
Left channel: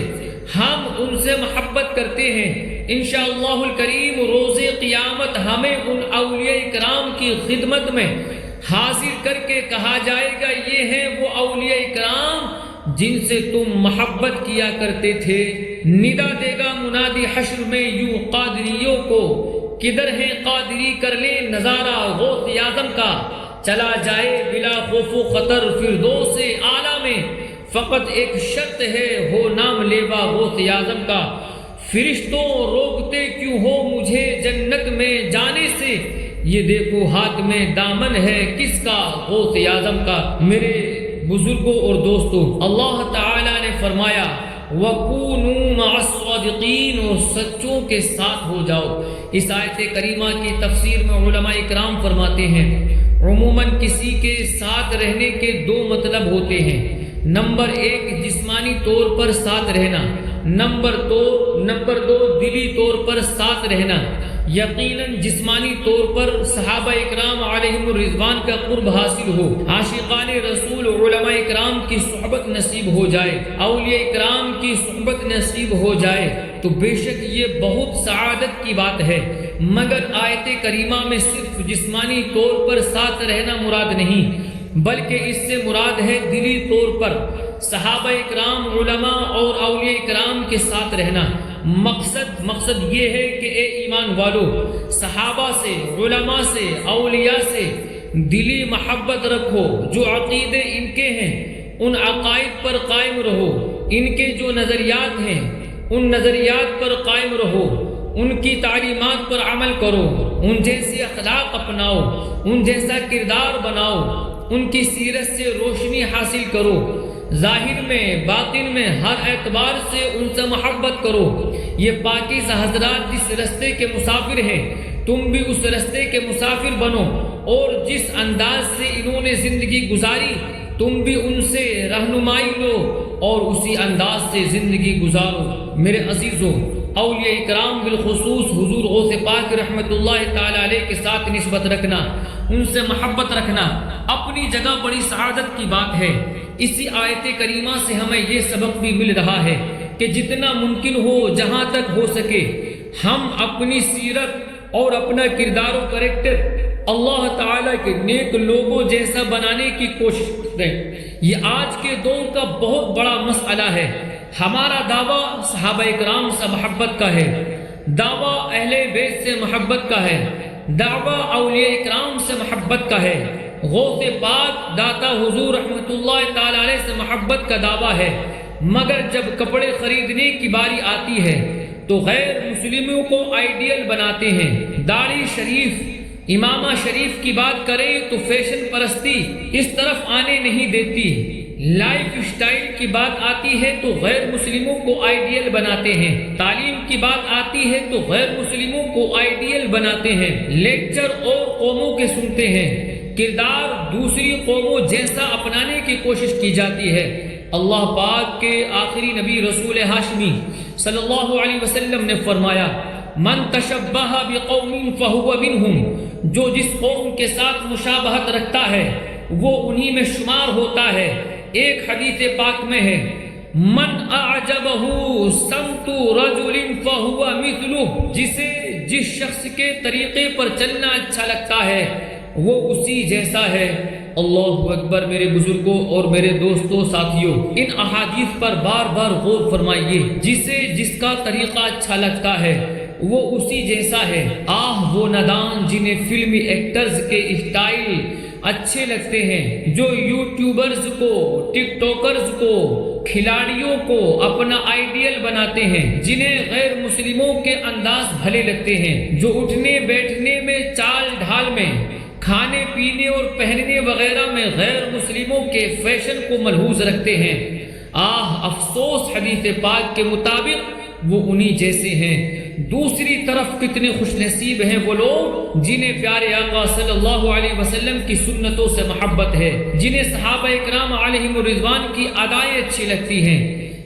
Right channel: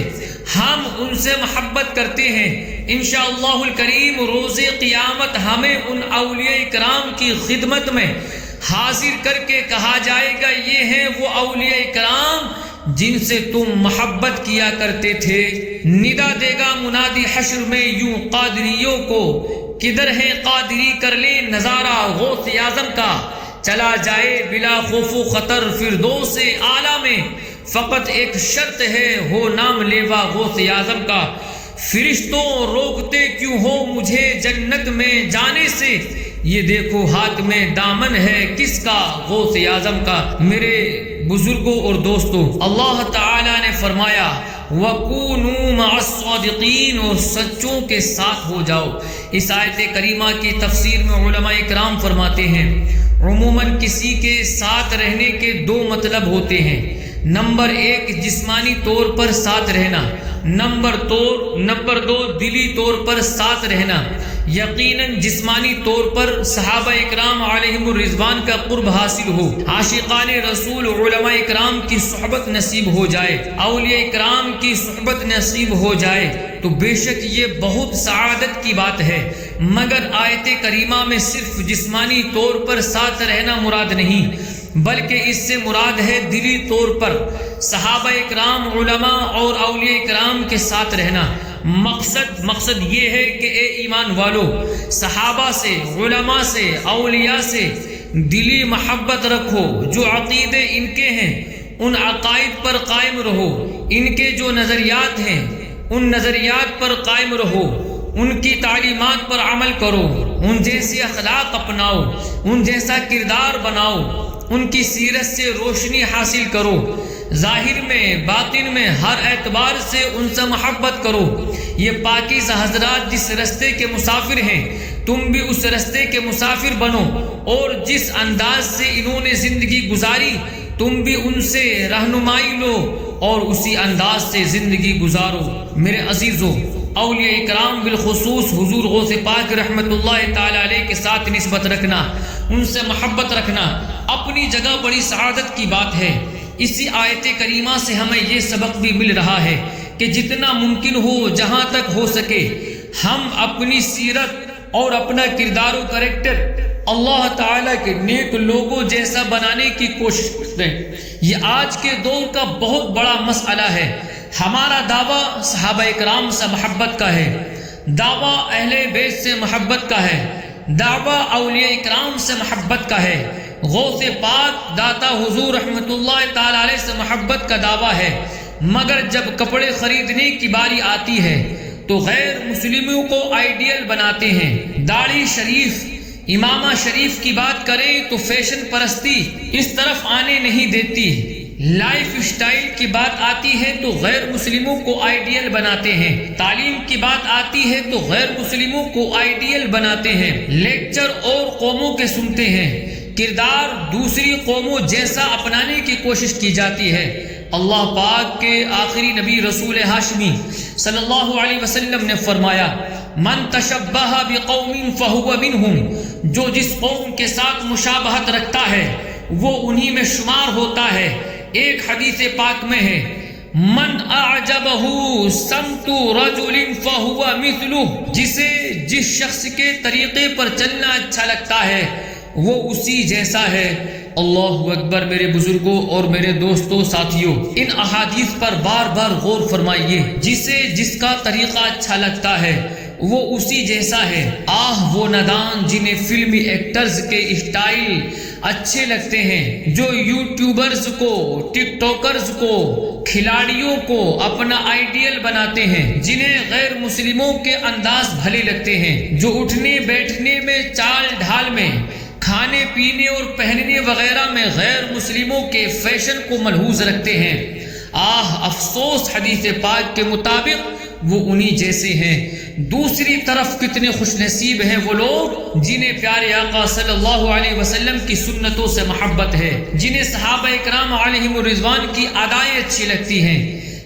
ہم ان سے محبت کرتے ہیں۔ انشاءاللہ الکریم روز قیامت ہمیں ان اولیاء کرام کی خدمت میں حاضر کر کے کہا جائے گا یہ ہیں وہ اولیاء کرام جن سے تم محبت کیا کرتے تھے۔ ندا دے گا منادی حشر میں یوں قادریوں کو، کدھر ہے قادری کر لیں نظارہ غوث اعظم کا، چلا جائے بلا خوف و خطر فردوس اعلیٰ میں، فقط ایک شرط ہے ہو نام لیوا غوث اعظم کا۔ فرشتوں روکتے کیوں ہو مجھے جنت میں جانے سے، یہ دیکھو ہاتھ میں دامن ہے کس کا غوث اعظم کا۔ میرے بزرگوں اور دوستوں، اللہ تعالی نے فرمایا وَكُونُوا مَعَ الصَّادِقِينَ، اور سچوں کے ساتھ ہو جاؤ۔ اس آیت کریمہ کی تفسیر میں علماء اکرام فرماتے ہیں عموماً کسی کے ساتھ رہنے کے دو مطلب ہوتے ہیں۔ نمبر ایک جسمانی طور پر ساتھ رہنا، نمبر دو دلی طور پر ساتھ رہنا۔ یقیناً جسمانی طور پر صحابہ اکرام علیہم الرضوان کا قرب حاصل ہو، عاشقان رسول علماء اکرام کی صحبت نصیب ہو جائے، اولیاء اکرام کی صحبت نصیب ہو جائے تو بے شک یہ بہت سعادت کی بات ہے۔ مگر آیت کریمہ میں صرف جسمانی طور پر ساتھ رہنا مراد نہیں، بلکہ اس سے مراد ہے دلی طور پر صحابہ اکرام علماء اور اولیاء اکرام کے ساتھ رہنا۔ مقصد یہ ہے کہ اے ایمان والو، صحابہ سے، علماء سے، اولیاء سے دلی محبت رکھو، جو عقیدے ان کے ہیں ان عقائد پر قائم رہو، ان کے جو نظریات ہیں ان نظریات پر قائم رہو، ان کی تعلیمات پر عمل کرو، ان جیسے اخلاق اپناؤ، ان جیسا کردار بناؤ، ان کی سیرت سے روشنی حاصل کرو، ظاہر میں باطن میں ہر اعتبار سے ان سے محبت کرو۔ یہ پاکیزہ حضرات جس رستے کے مسافر ہیں تم بھی اس رستے کے مسافر بنو، اور جس انداز سے انہوں نے زندگی گزاری تم بھی ان سے رہنمائی لو اور اسی انداز سے زندگی گزارو۔ میرے عزیزو، اولیاء اکرام بالخصوص حضور غوث پاک رحمت اللہ تعالی علیہ کے ساتھ نسبت رکھنا، ان سے محبت رکھنا اپنی جگہ بڑی سعادت کی بات ہے۔ اسی آیت کریمہ سے ہمیں یہ سبق بھی مل رہا ہے کہ جتنا ممکن ہو، جہاں تک ہو سکے، ہم اپنی سیرت اور اپنا کردار و کریکٹر اللہ تعالیٰ کے نیک لوگوں جیسا بنانے کی کوشش کریں۔ یہ آج کے دور کا بہت بڑا مسئلہ ہے۔ ہمارا دعویٰ صحابہ اکرام سے محبت کا ہے، دعویٰ اہل بیت سے محبت کا ہے، دعویٰ اولیاء اکرام سے محبت کا ہے، غوث پاک داتا حضور رحمت اللہ تعالی علیہ سے محبت کا دعویٰ ہے۔ مگر جب کپڑے خریدنے کی باری آتی ہے تو غیر مسلموں کو آئیڈیل بناتے ہیں۔ داڑھی شریف، امامہ شریف کی بات کریں تو فیشن پرستی اس طرف آنے نہیں دیتی۔ لائف اسٹائل کی بات آتی ہے تو غیر مسلموں کو آئیڈیل بناتے ہیں، تعلیم کی بات آتی ہے تو غیر مسلموں کو آئیڈیل بناتے ہیں، لیکچر اور قوموں کے سنتے ہیں، کردار دوسری قوموں جیسا اپنانے کی کوشش کی جاتی ہے۔ اللہ پاک کے آخری نبی رسول ہاشمی صلی اللہ علیہ وسلم نے فرمایا، من تشبہ بقوم فہو منہم، جو جس قوم کے ساتھ مشابہت رکھتا ہے وہ انہی میں شمار ہوتا ہے۔ ایک حدیث پاک میں ہے، من اعجبہ سمت رجل فہو مثلہ، جسے جس شخص کے طریقے پر چلنا اچھا لگتا ہے وہ اسی جیسا ہے۔ اللہ اکبر۔ میرے بزرگوں اور میرے دوستوں ساتھیوں، ان احادیث پر بار بار غور فرمائیے۔ جسے جس کا طریقہ اچھا لگتا ہے وہ اسی جیسا ہے۔ آہ وہ نادان جنہیں فلمی ایکٹرز کے اسٹائل اچھے لگتے ہیں، جو یوٹیوبرز کو، ٹک ٹاکرز کو، کھلاڑیوں کو اپنا آئیڈیل بناتے ہیں، جنہیں غیر مسلموں کے انداز بھلے لگتے ہیں، جو اٹھنے بیٹھنے میں، چال ڈھال میں، کھانے پینے اور پہننے وغیرہ میں غیر مسلموں کے فیشن کو ملحوظ رکھتے ہیں۔ آہ افسوس، حدیث پاک کے مطابق وہ انہی جیسے ہیں۔ دوسری طرف کتنے خوش نصیب ہیں وہ لوگ جنہیں پیارے آقا صلی اللہ علیہ وسلم کی سنتوں سے محبت ہے، جنہیں صحابہ اکرام علیہم الرضوان کی ادائیں اچھی لگتی ہیں،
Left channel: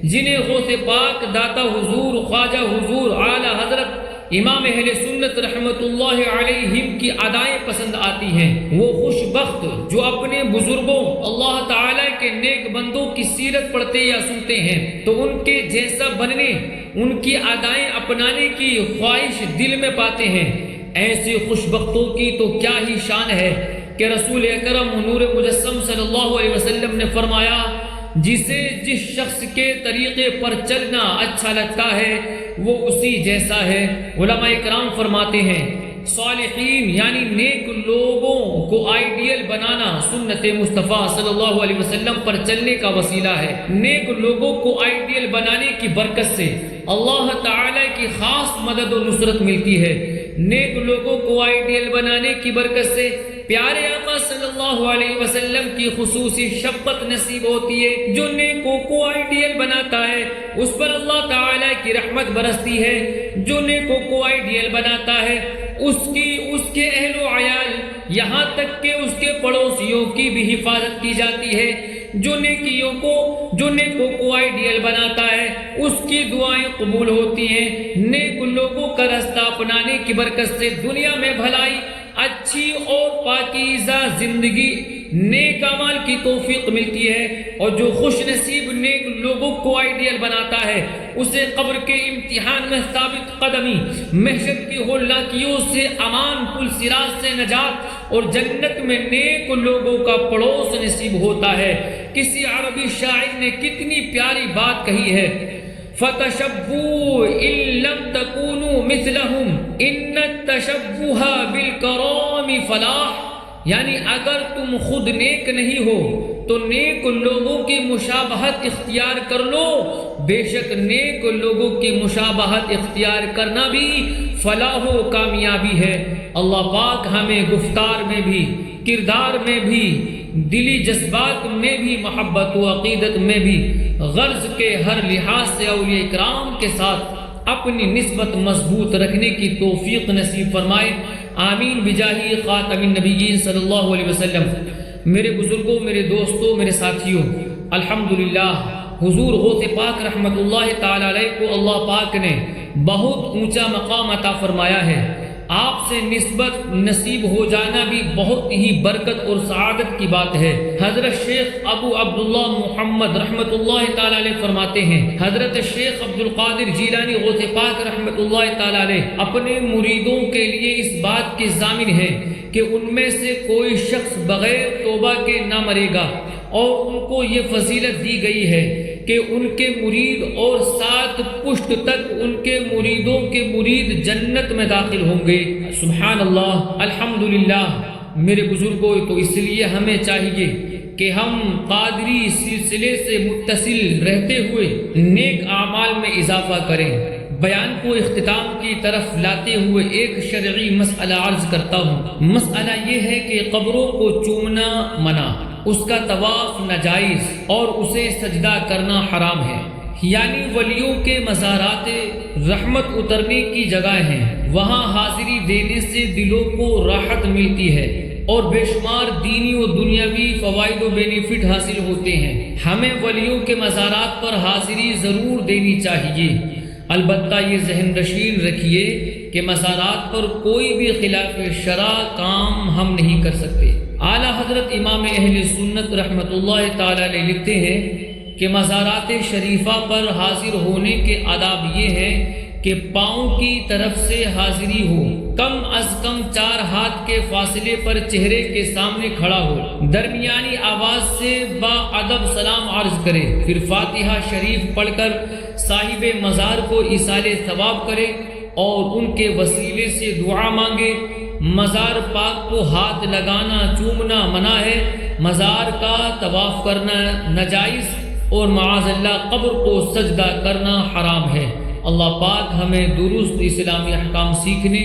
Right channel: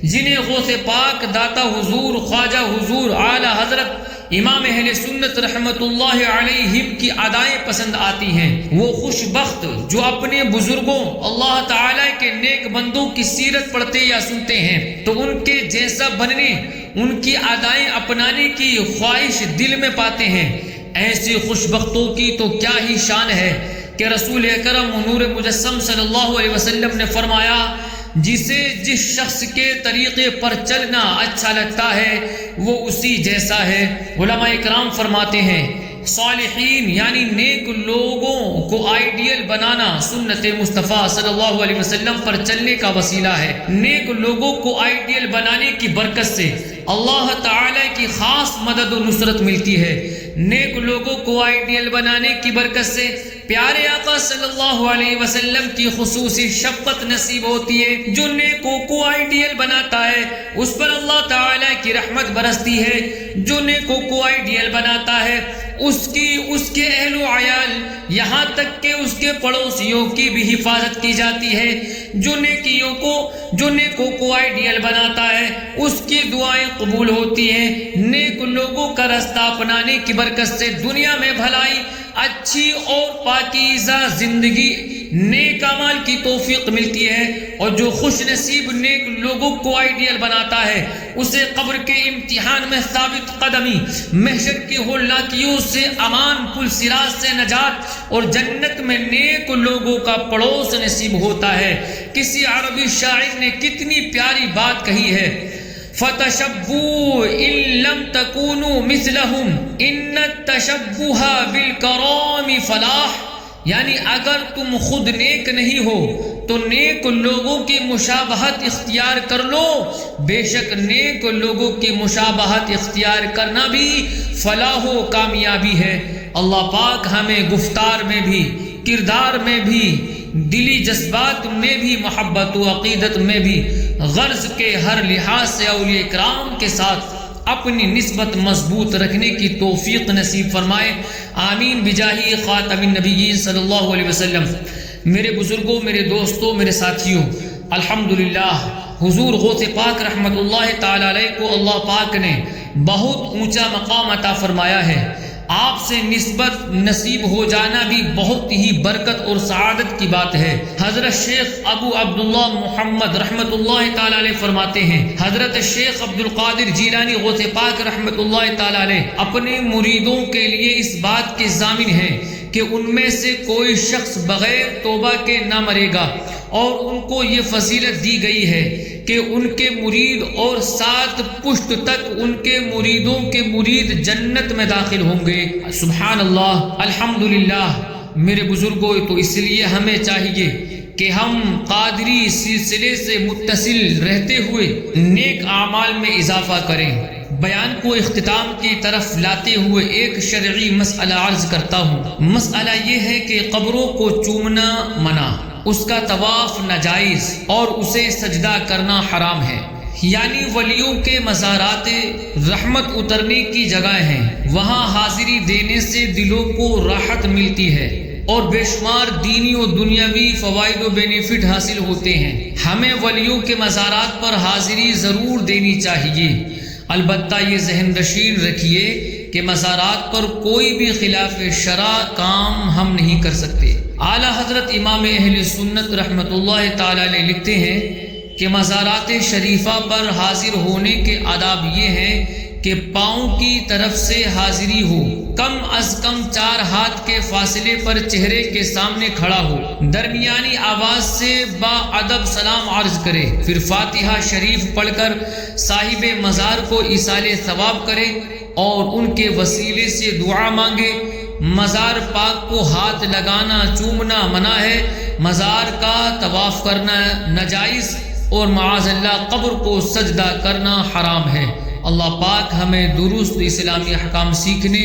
جنہیں غوث پاک داتا حضور، خواجہ حضور، اعلی حضرت امام اہل سنت رحمت اللہ علیہم کی ادائیں پسند آتی ہیں۔ وہ خوش بخت جو اپنے بزرگوں، اللہ تعالیٰ کے نیک بندوں کی سیرت پڑھتے یا سنتے ہیں تو ان کے جیسا بننے، ان کی ادائیں اپنانے کی خواہش دل میں پاتے ہیں۔ ایسی خوش بختوں کی تو کیا ہی شان ہے کہ رسول اکرم نور مجسم صلی اللہ علیہ وسلم نے فرمایا، جسے جس شخص کے طریقے پر چلنا اچھا لگتا ہے وہ اسی جیسا ہے۔ علماء اکرام فرماتے ہیں، صالحین یعنی نیک لوگوں کو آئیڈیل بنانا سنت مصطفیٰ صلی اللہ علیہ وسلم پر چلنے کا وسیلہ ہے۔ نیک لوگوں کو آئیڈیل بنانے کی برکت سے اللہ تعالی کی خاص مدد و نصرت ملتی ہے۔ نیک لوگوں کو آئیڈیل بنانے کی برکت سے پیارے آقا صلی اللہ علیہ وسلم کی خصوصی شفقت نصیب ہوتی ہے۔ جو نیکوں کو آئیڈیل بناتا ہے اس پر اللہ تعالیٰ کی رحمت برستی ہے۔ جو نیکوں کو آئیڈیل بناتا ہے اس کے اہل و عیال یہاں تک کہ اس کے پڑوسیوں کی بھی حفاظت کی جاتی ہے۔ جو نیکوں کو آئیڈیل بناتا ہے اس کی دعائیں قبول ہوتی ہیں۔ نیک لوگوں کا رستہ اپنانے کی برکت سے دنیا میں بھلائی، اچھی اور پاکیزہ زندگی، نیک اعمال کی توفیق ملتی ہے۔ اور جو خوش نصیب نیک لوگوں کو آئیڈیل بناتا ہے اسے قبر کے امتحان میں ثابت قدمی، محشر کی ہولناکیوں سے امان، پل صراط سے نجات اور جنت میں نیک لوگوں کا پڑوس نصیب ہوتا ہے۔ کسی عربی شاعر نے کتنی پیاری بات کہی ہے، فَتَشَبُّوا إِن لَّمْ تَكُونُوا مِثْلَهُمْ إِنَّ التَّشَبُّهَ بِالْكَرَامِ فَلَاحٌ، یعنی اگر تم خود نیک نہیں ہو تو نیک لوگوں کی مشابہت اختیار کر لو، بے شک نیک لوگوں کی مشابہت اختیار کرنا بھی فلاح و کامیابی ہے۔ اللہ پاک ہمیں گفتار میں بھی، کردار میں بھی، دلی جذبات میں بھی، محبت و عقیدت میں بھی غرض کے ہر لحاظ سے اولیاء کرام کے ساتھ اپنی نسبت مضبوط رکھنے کی توفیق نصیب فرمائے، آمین بجاہ خاتم النبیین صلی اللہ علیہ وسلم۔ میرے بزرگوں، میرے دوستوں، میرے ساتھیوں، الحمدللہ حضور غوث پاک رحمت اللہ تعالی علیہ کو اللہ پاک نے بہت اونچا مقام عطا فرمایا ہے۔ آپ سے نسبت نصیب ہو جانا بھی بہت ہی برکت اور سعادت کی بات ہے۔ حضرت شیخ ابو عبداللہ محمد رحمت اللہ تعالی علیہ فرماتے ہیں، حضرت شیخ عبد القادر جیلانی غوث پاک رحمت اللہ تعالی علیہ اپنے مریدوں کے لیے اس بات کے ضامن ہیں کہ ان میں سے کوئی شخص بغیر توبہ کے نہ مرے گا، اور ان کو یہ فضیلت دی گئی ہے کہ ان کے مرید اور 7 پشت تک ان کے مریدوں کے مرید جنت میں داخل ہوں گے۔ سبحان اللہ، الحمدللہ۔ میرے بزرگوں، تو اس لیے ہمیں چاہیے کہ ہم قادری سلسلے سے متصل رہتے ہوئے نیک اعمال میں اضافہ کریں۔ بیان کو اختتام کی طرف لاتے ہوئے ایک شرعی مسئلہ عرض کرتا ہوں۔ مسئلہ یہ ہے کہ قبروں کو چومنا منع، اس کا طواف ناجائز اور اسے سجدہ کرنا حرام ہے۔ یعنی ولیوں کے مزارات رحمت اترنے کی جگہ ہیں، وہاں حاضری دینے سے دلوں کو راحت ملتی ہے اور بے شمار دینی و دنیاوی فوائد و بینیفٹ حاصل ہوتے ہیں۔ ہمیں ولیوں کے مزارات پر حاضری ضرور دینی چاہیے، البتہ یہ ذہن نشین رکھیے کہ مزارات پر کوئی بھی خلاف شرع کام ہم نہیں کر سکتے۔ اعلیٰ حضرت امام اہل سنت رحمت اللہ تعالی علیہ لکھتے ہیں کہ مزارات شریفہ پر حاضر ہونے کے آداب یہ ہیں کہ پاؤں کی طرف سے حاضری ہو، کم از کم 4 ہاتھ کے فاصلے پر چہرے کے سامنے کھڑا ہو، درمیانی آواز سے با ادب سلام عرض کرے، پھر فاتحہ شریف پڑھ کر صاحب مزار کو ایصال ثواب کرے اور ان کے وسیلے سے دعا مانگے۔ مزار پاک کو ہاتھ لگانا، چومنا منع ہے، مزار کا طواف کرنا ناجائز اور معاذ اللہ قبر کو سجدہ کرنا حرام ہے۔ اللہ پاک ہمیں درست اسلامی احکام سیکھنے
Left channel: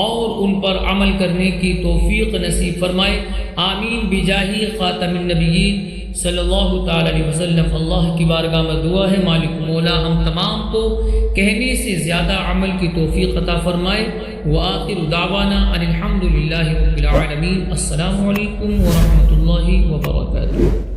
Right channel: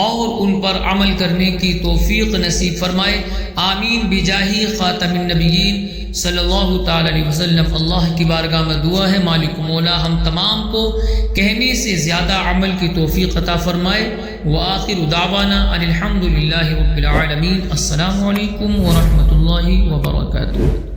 اور ان پر عمل کرنے کی توفیق نصیب فرمائے، آمین بجاہ خاتم النبیین صلی اللہ تعالی علیہ وسلم۔ اللہ کی بارگاہ میں دعا ہے مالک مولا ہم تمام کو کہنے سے زیادہ عمل کی توفیق عطا فرمائے۔ وآخر دعوانا ان الحمد للہ رب العالمین۔ السلام علیکم ورحمۃ اللہ وبرکاتہ۔